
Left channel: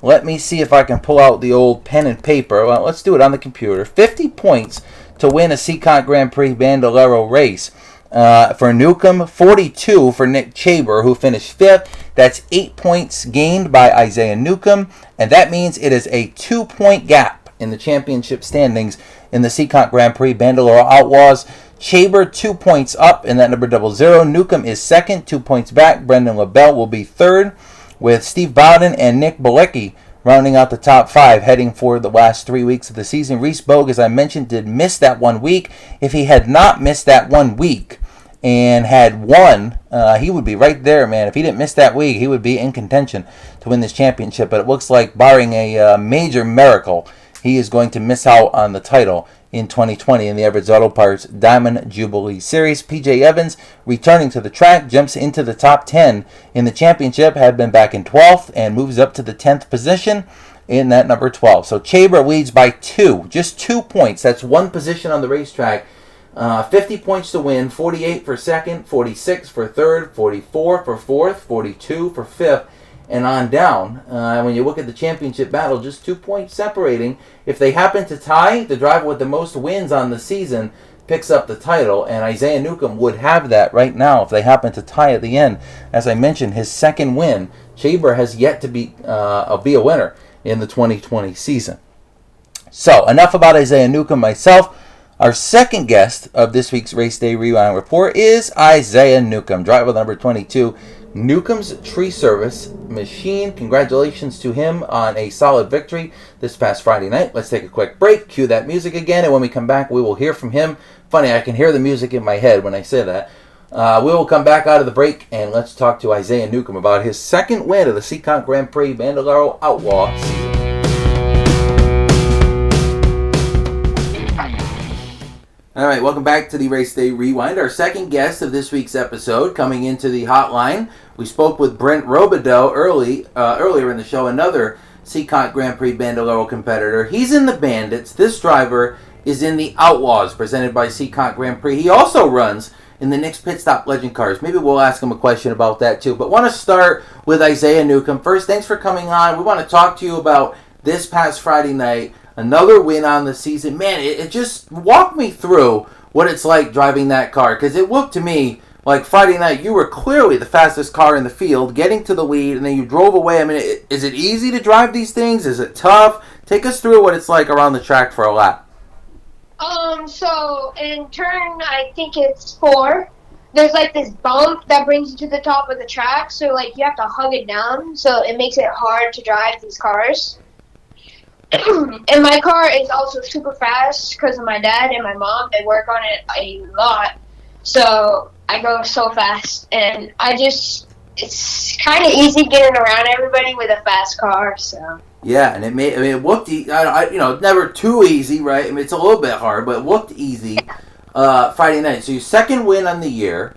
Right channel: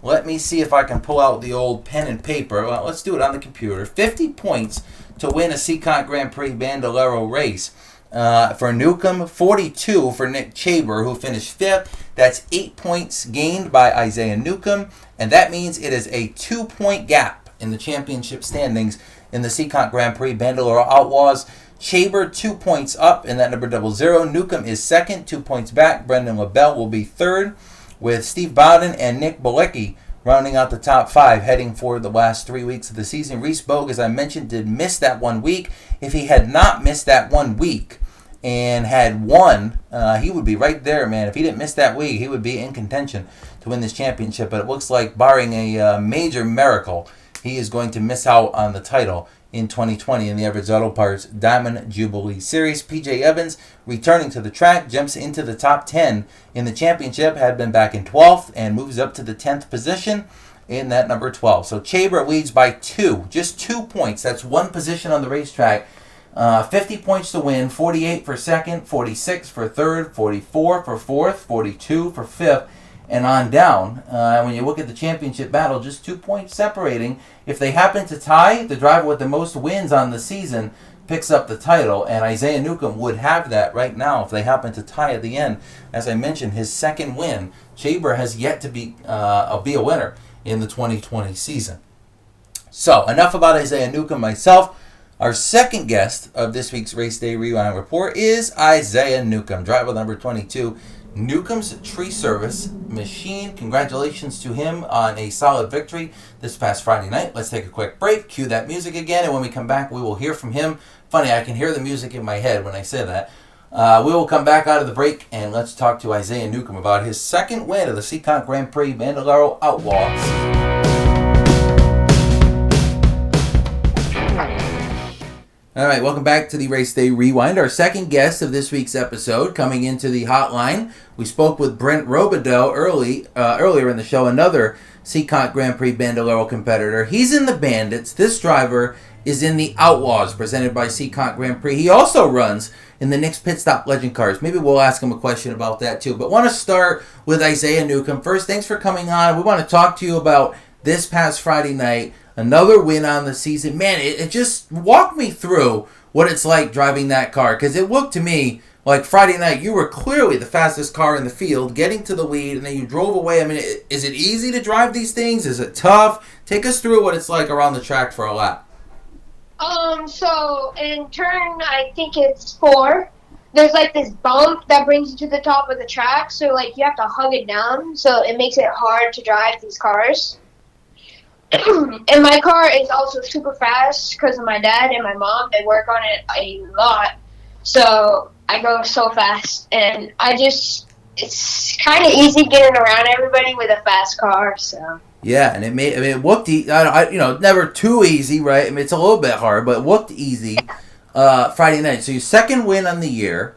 let me see if I can pull out the old pen and paper. Well, let's do it on the computer. 50 points to win a Seekonk Grand Prix Bandolero race. For Newcomb, 42 for Nick Chaber, who finished 5th. That's 8 points gained by Isaiah Newcomb, and that means it is a 2-point gap in the championship standings in the Seekonk Grand Prix Bandolero Outlaws. Chaber 2 points up in that number 00. Newcomb is second, 2 points back. Brendan LaBelle will be third, with Steve Bowden and Nick Bilecki rounding out the top 5, heading for the last 3 weeks of the season. Reese Bogue, as I mentioned, did miss that 1 week. If he had not missed that 1 week and had won, he would be right there, man. If he didn't miss that week, he would be in contention to win this championship. But it looks like, barring a major miracle, he is going to miss out on the title in 2020 in the Everett's Auto Parts Diamond Jubilee Series. PJ Evans, returning to the track, jumps into the top 10 in the championship, had been back in 12th, and moves up to the 10th position in that number 12. So Chaber leads by 2, just 2 points. That's 1 position on the racetrack. 50 points to win, 48 for second, 46 for third, 44 for fourth, 42 for fifth, and on down. When you look at the championship battle, just 2 points separating. If they happen to tie, the driver with the most wins on the season picks up the title, and Isaiah Newcomb would have that right now if they happen to tie at the end. As I mentioned, his second win. Chaber has yet to be a winner in the 2020 season. So, enough about Isaiah Newcomb myself. Our second guest of this week's Race Day Rewind Report is Isaiah Newcomb, driver number 22, Newcomb's Tree Service machine. Congratulations to him on a solid victory this past Friday night. Let's take a quick break, cue that music again, and when we come back, we will hear from him. Funny, I can hear the music in my head when I say that. We will come back out of the break, and let's talk to Isaiah Newcomb about his second win of the Seekonk Grand Prix Bandolero Outlaw. All right, welcome back to the Race Day Rewind. Our second guest of this week's episode coming into the hotline. We spoke with Brent Robidoux earlier in the show, another Seekonk Grand Prix Bandolero competitor. He's in the Bandits. This driver is in the Outlaws, presented by Seekonk Grand Prix. He also runs in the Nick's Pit Stop Legend Cars. Maybe we'll ask him a question about that too. But want to start with Isaiah Newcomb. First, thanks for coming on. We want to talk to you about this past Friday night. Another win on the season. Man, it just walk me through what it's like driving that car. Because it looked to me like Friday night, you were clearly the fastest car in the field, getting to the lead, and then you drove away. I mean, is it easy to drive these things? Is it tough? Take us through what it's like around the track for a lap. So in turn, I think it's 4. There's like this bump that brings you to the top of the track, so like you have to hug it down, so it makes it hard to drive these cars. And my car is also super fast because of my dad and my mom. They work on it a lot, so I go so fast, and it's kind of easy getting around everybody with a fast car, so. Yeah, and it looked, never too easy, right? I mean, it's a little bit hard, but it looked easy Friday night. So your second win on the year.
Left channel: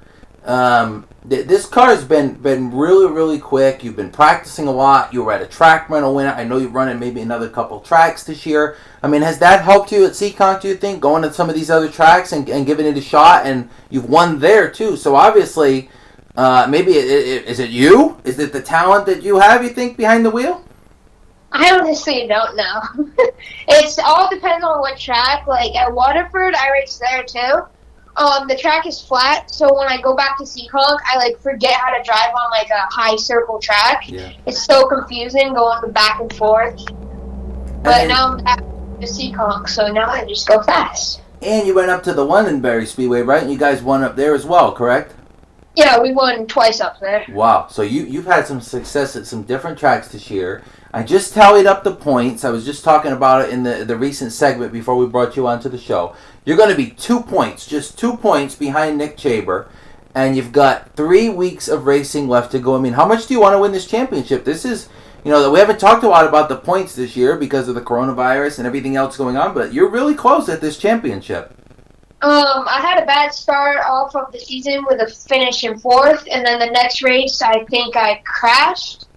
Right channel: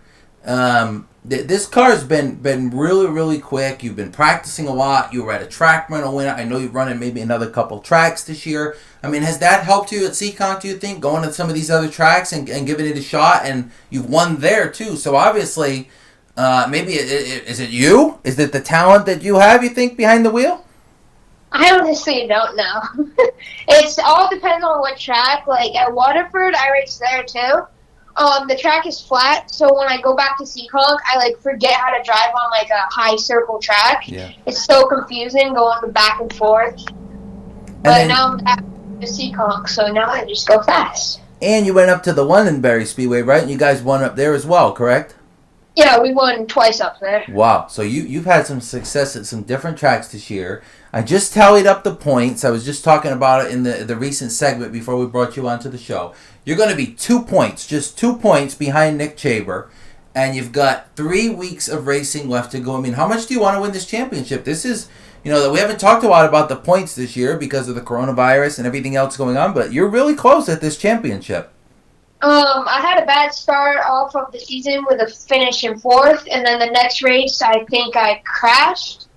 This car's been really, really quick. You've been practicing a lot. You were at a track rental win. I know you're running maybe another couple tracks this year. I mean, has that helped you at Seekonk, do you think, going to some of these other tracks and giving it a shot? And you've won there, too. So obviously, maybe is it you? Is it the talent that you have, you think, behind the wheel? I honestly don't know. It's all depends on what track. Like at Waterford, I race there too. The track is flat, so when I go back to Seekonk, I forget how to drive on a high circle track. Yeah. It's so confusing going back and forth. But now I'm back to Seekonk, so now I just go fast. And you went up to the Londonderry Speedway, right? And you guys won up there as well, correct? Yeah, we won twice up there. Wow. So you've had some success at some different tracks this year. I just tallied up the points. I was just talking about it in the recent segment before we brought you onto the show. You're going to be 2 points, just 2 points behind Nick Chaber, and you've got 3 weeks of racing left to go. I mean, how much do you want to win this championship? This is, we haven't talked a lot about the points this year because of the coronavirus and everything else going on, but you're really close at this championship. I had a bad start off of the season with a finish in 4th, and then the next race, I think I crashed.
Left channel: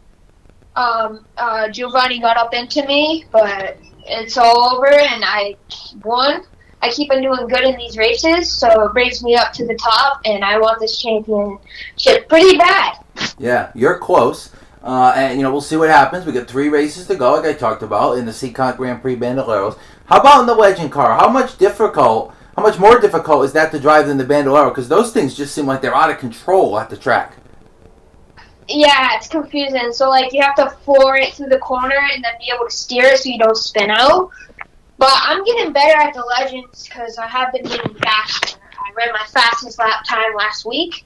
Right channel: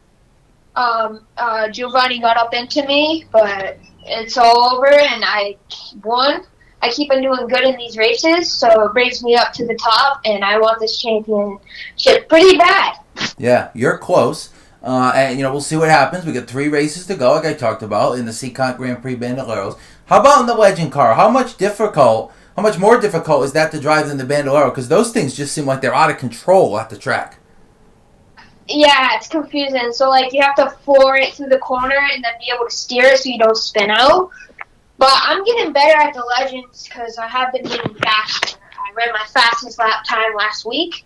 Giovanni got up into me, but it's all over, and I won. I keep on doing good in these races, so it brings me up to the top, and I want this championship pretty bad. Yeah, you're close. And, we'll see what happens. We got 3 races to go, like I talked about, in the Seekonk Grand Prix Bandoleros. How about in the Legend car? How much more difficult is that to drive than the Bandolero? Because those things just seem like they're out of control at the track. Yeah, it's confusing. So, you have to floor it through the corner and then be able to steer it so you don't spin out. But I'm getting better at the Legends because I have been getting faster. I ran my fastest lap time last week.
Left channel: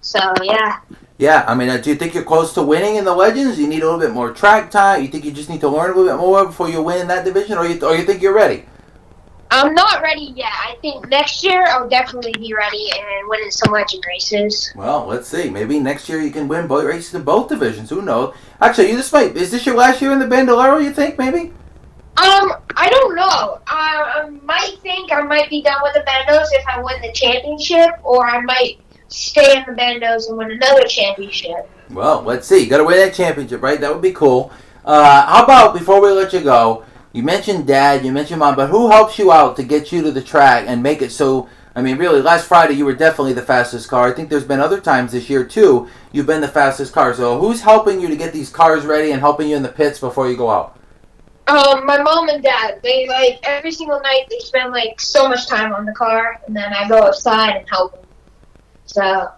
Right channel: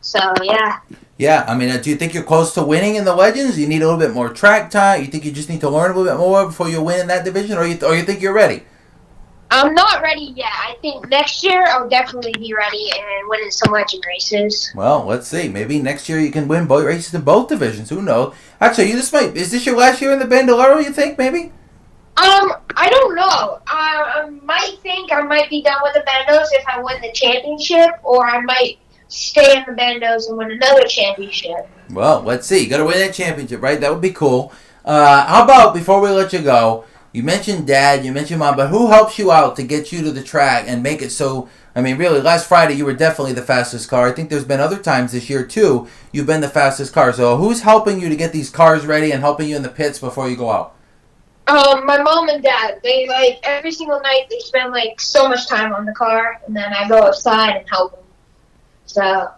So, yeah. Yeah, I mean, do you think you're close to winning in the Legends? You need a little bit more track time? You think you just need to learn a little bit more before you win in that division? Or you think you're ready? I'm not ready yet. I think next year I'll definitely be ready and winning some Legend races. Well, let's see. Maybe next year you can win both races in both divisions. Who knows? Actually, is this your last year in the Bandolero, you think, maybe? I don't know. I might think I might be done with the Bandos if I win the championship, or I might stay in the Bandos and win another championship. Well, let's see. You got to win that championship, right? That would be cool. How about, before we let you go, you mentioned Dad, you mentioned Mom, but who helps you out to get you to the track and make it so, I mean, really, last Friday you were definitely the fastest car. I think there's been other times this year, too, you've been the fastest car. So who's helping you to get these cars ready and helping you in the pits before you go out? My mom and dad, they, every single night, they spend, so much time on the car, and then I go outside and help them. So,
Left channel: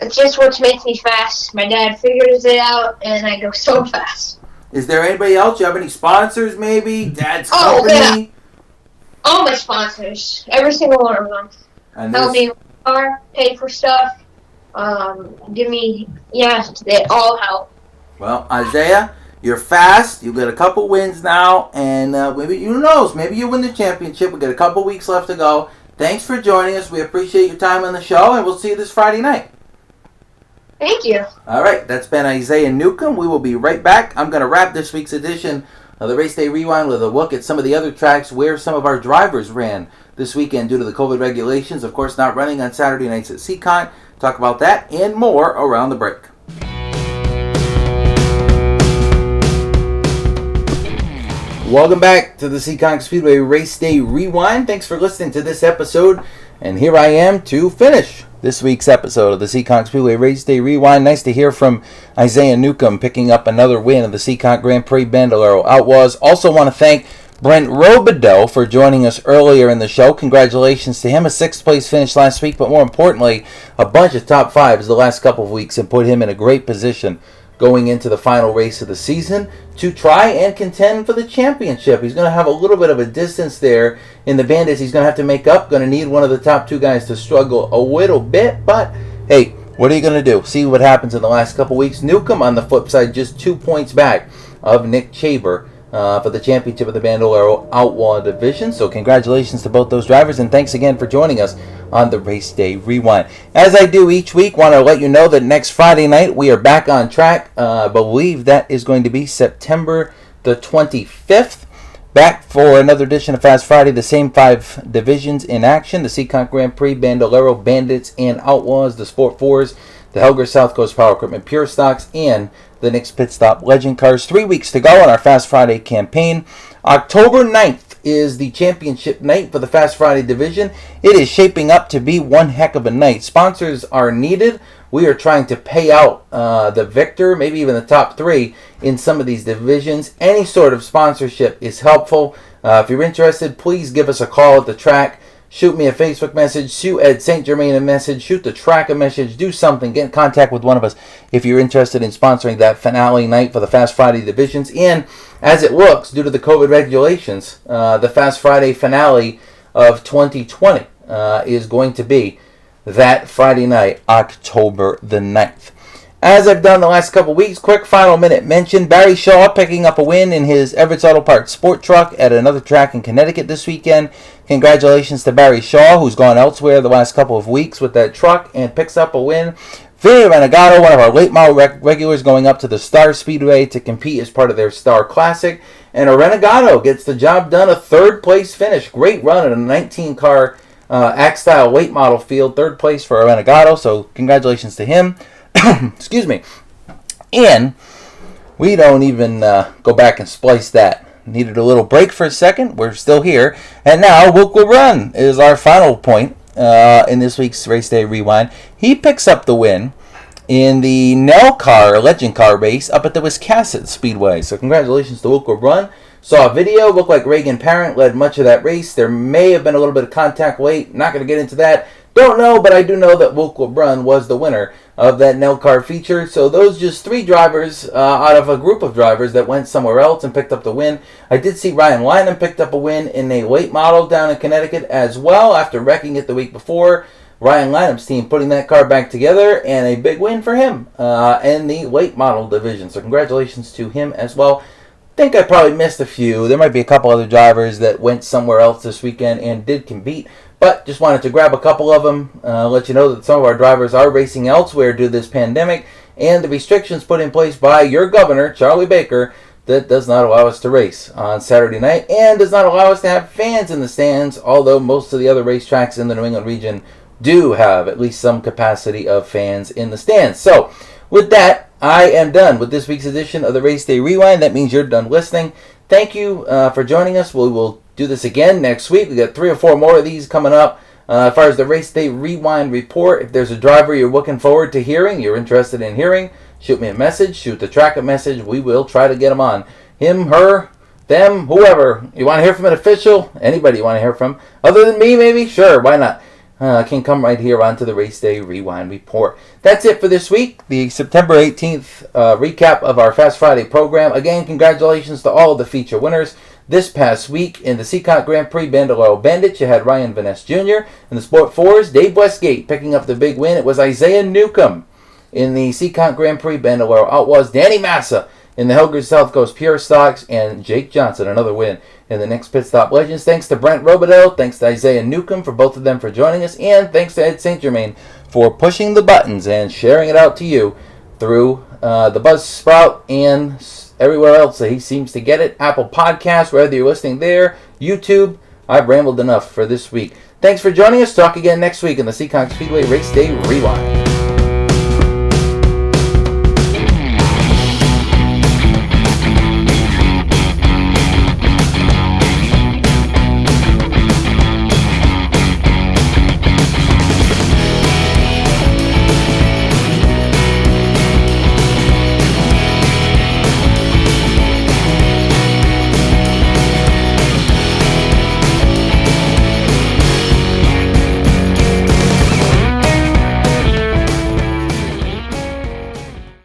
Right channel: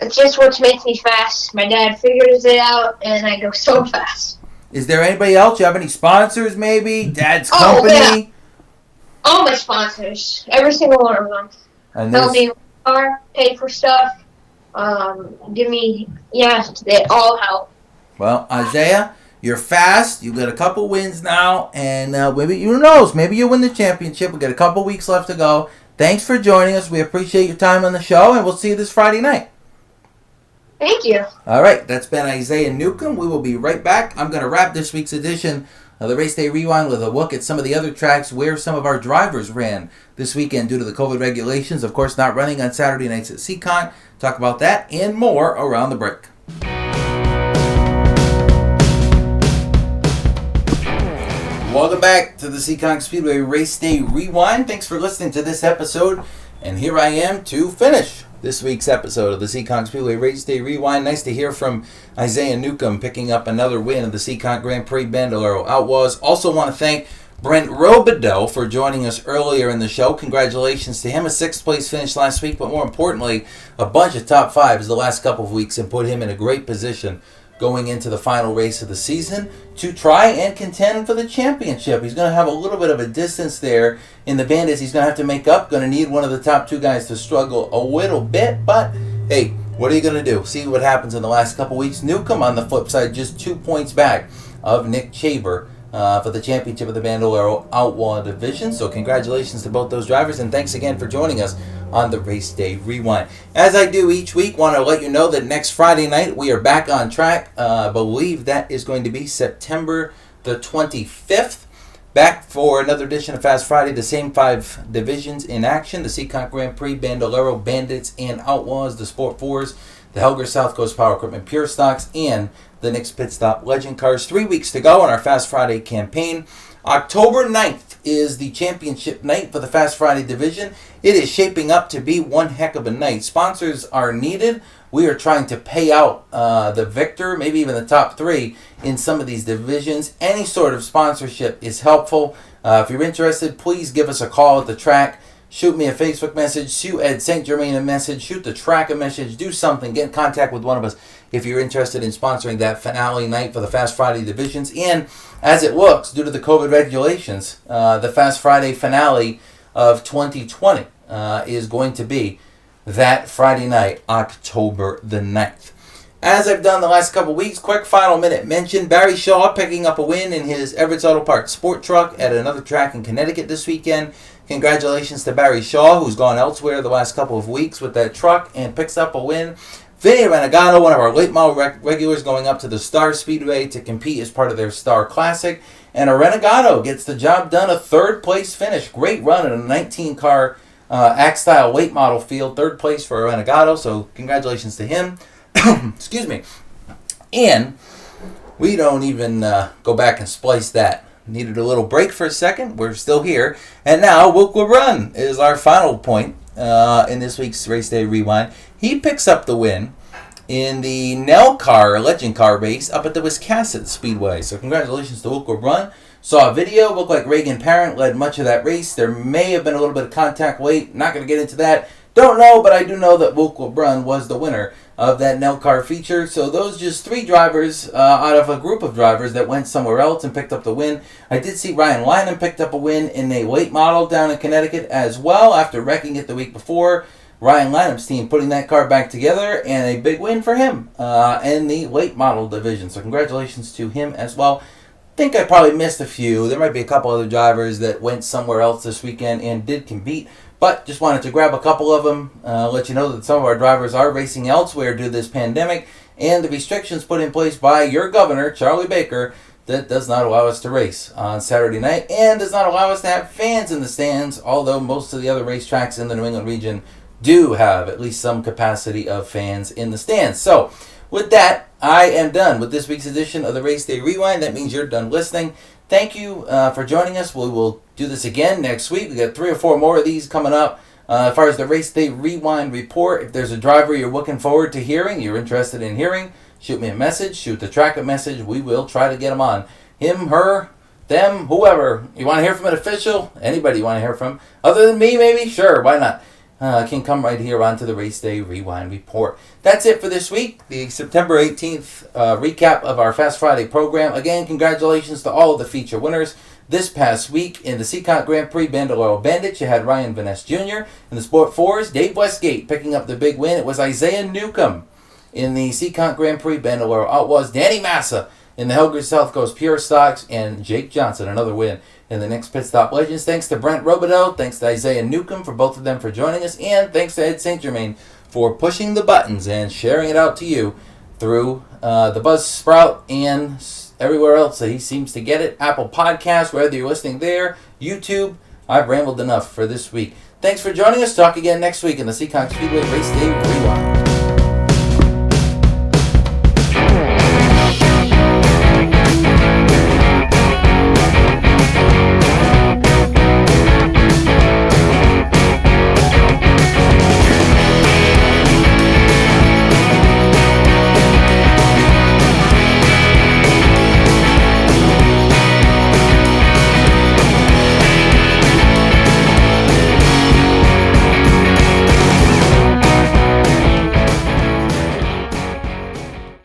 it's just what makes me fast. My dad figures it out, and I go so fast. Is there anybody else? You have any sponsors, maybe? Dad's company? Yeah. All my sponsors. Every single one of them. Help me with the car, pay for stuff, give me, they all help. Well, Isaiah, you're fast. You got a couple wins now, and maybe, who knows, maybe you win the championship. We got a couple weeks left to go. Thanks for joining us. We appreciate your time on the show, and we'll see you this Friday night. Thank you. All right, that's been Isaiah Newcomb. We will be right back. I'm going to wrap this week's edition of the Race Day Rewind with a look at some of the other tracks where some of our drivers ran this weekend due to the COVID regulations. Of course, not running on Saturday nights at Seekonk. Talk about that and more around the break. Welcome back to the Seekonk Speedway Race Day Rewind. Thanks for listening to this episode. And here I am to finish this week's episode of the Seekonk Speedway Race Day Rewind. Nice to hear from Isaiah Newcomb picking up another win of the Seekonk Grand Prix Bandolero Outlaws. Also want to thank Brent Robidoux for joining us earlier in the show. Congratulations to him. A 6th place finish last week, but more importantly, a bunch of top 5s the last couple of weeks and put him in a great position going into the final race of the season to try and contend for the championship. He's going to have a little bit of a distance there in the Bandits. He's going to have to make up. Going to need one of the top 2 guys to struggle a little bit. But, hey, what are you going to do? See what happens in the last couple weeks. Newcomb, on the flip side, just 2 points back of Nick Chaber for the championship of the Bandolero Outlaw Division. So congratulations to both those drivers, and thanks again for joining us on the Race Day Rewind. As I do each week, want to let you know that next Friday night we are back on track. I believe that is going to be September the 25th. Back for another edition of Fast Friday, the same 5 divisions in action. The Seekonk Grand Prix, Bandolero, Bandits, and Outlaws, the Sport 4s, the Helger South Coast Power Equipment Pure Stocks, and the Nick's Pit Stop Legend Cars. 3 weeks to go on our Fast Friday campaign. October 9th is the championship night for the Fast Friday division. It is shaping up to be one heck of a night. Sponsors are needed. We are trying to pay out the victor, maybe even the top 3 in some of these divisions. Any sort of sponsorship is helpful. If you're interested, please give us a call at the track. Shoot me a Facebook message. Shoot Ed St. Germain a message. Shoot the track a message. Do something. Get in contact with one of us if you're interested in sponsoring that finale night for the Fast Friday divisions. And as it looks, due to the COVID regulations, the Fast Friday finale of 2020 is going to be that Friday night, October the 9th. As I've done the last couple weeks, quick final minute mention. Barry Shaw picking up a win in his Everett's Auto Parts Sport Truck at another track in Connecticut this weekend. Congratulations to Barry Shaw, who's gone elsewhere the last couple of weeks with that truck and picks up a win. Vinny Renegado, one of our late model regulars, going up to the Star Speedway to compete as part of their Star Classic. And a Renegado gets the job done, a 3rd place finish. Great run in a 19-car Act-style late model field. 3rd place for a Renegado, so congratulations to him. Excuse me. And we don't even go back and splice that. Needed a little break for a second. We're still here. And now Wilk will Run is our final point in this week's Race Day Rewind. He picks up the win in the Nell Car Legend Car race up at the Wiscasset Speedway. So congratulations to Wilk will Run. Saw a video. Looked like Reagan Parent led much of that race. There may have been a little bit of contact late. Not going to get into that. Don't know, but I do know that Wilk will Run was the winner of that Nell Car feature. So those just 3 drivers out of a group of drivers that went somewhere else and picked up the win. I did see Ryan Lynham picked up a win in a late model down in Connecticut as well after wrecking it the week before. Ryan Lynham's team putting that car back together, and a big win for him in the late model division. So congratulations to him as well. I think I probably missed a few. There might be a couple other drivers that went somewhere else this weekend and did compete. But just wanted to grab a couple of them, let you know that some of our drivers are racing elsewhere due to this pandemic and the restrictions put in place by your governor, Charlie Baker, that does not allow us to race on Saturday night and does not allow us to have fans in the stands, although most of the other racetracks in the New England region do have at least some capacity of fans in the stands. So, with that, I am done with this week's edition of the Race Day Rewind. That means you're done listening. Thank you for joining us. We will do this again next week. We got 3 or 4 more of these coming up. As far as the Race Day Rewind report, if there's a driver you're looking forward to hearing, you're interested in hearing, shoot me a message, shoot the track a message. We will try to get them on. Him, her, them, whoever. You want to hear from an official? Anybody you want to hear from? Other than me, maybe? Sure, why not? Can come right here onto the Race Day Rewind report. That's it for this week. The September 18th recap of our Fast Friday program. Again, congratulations to all of the feature winners. This past week in the Seekonk Grand Prix Bandolero Bandits, you had Ryan Van Ness Jr. In the Sport 4s, Dave Westgate picking up the big win. It was Isaiah Newcomb. In the Seekonk Grand Prix Bandolero Outlaws, Danny Massa. In the Helger South Coast Pure Stocks, and Jake Johnson, another win in the Next Pit Stop Legends. Thanks to Brent Robidoux, thanks to Isaiah Newcomb for both of them for joining us, and thanks to Ed St. Germain for pushing the buttons and sharing it out to you through the Buzzsprout and everywhere else that he seems to get it. Apple Podcasts, whether you're listening there, YouTube. I've rambled enough for this week. Thanks for joining us. Talk again next week in the Seekonk Speedway Race Day Rewind.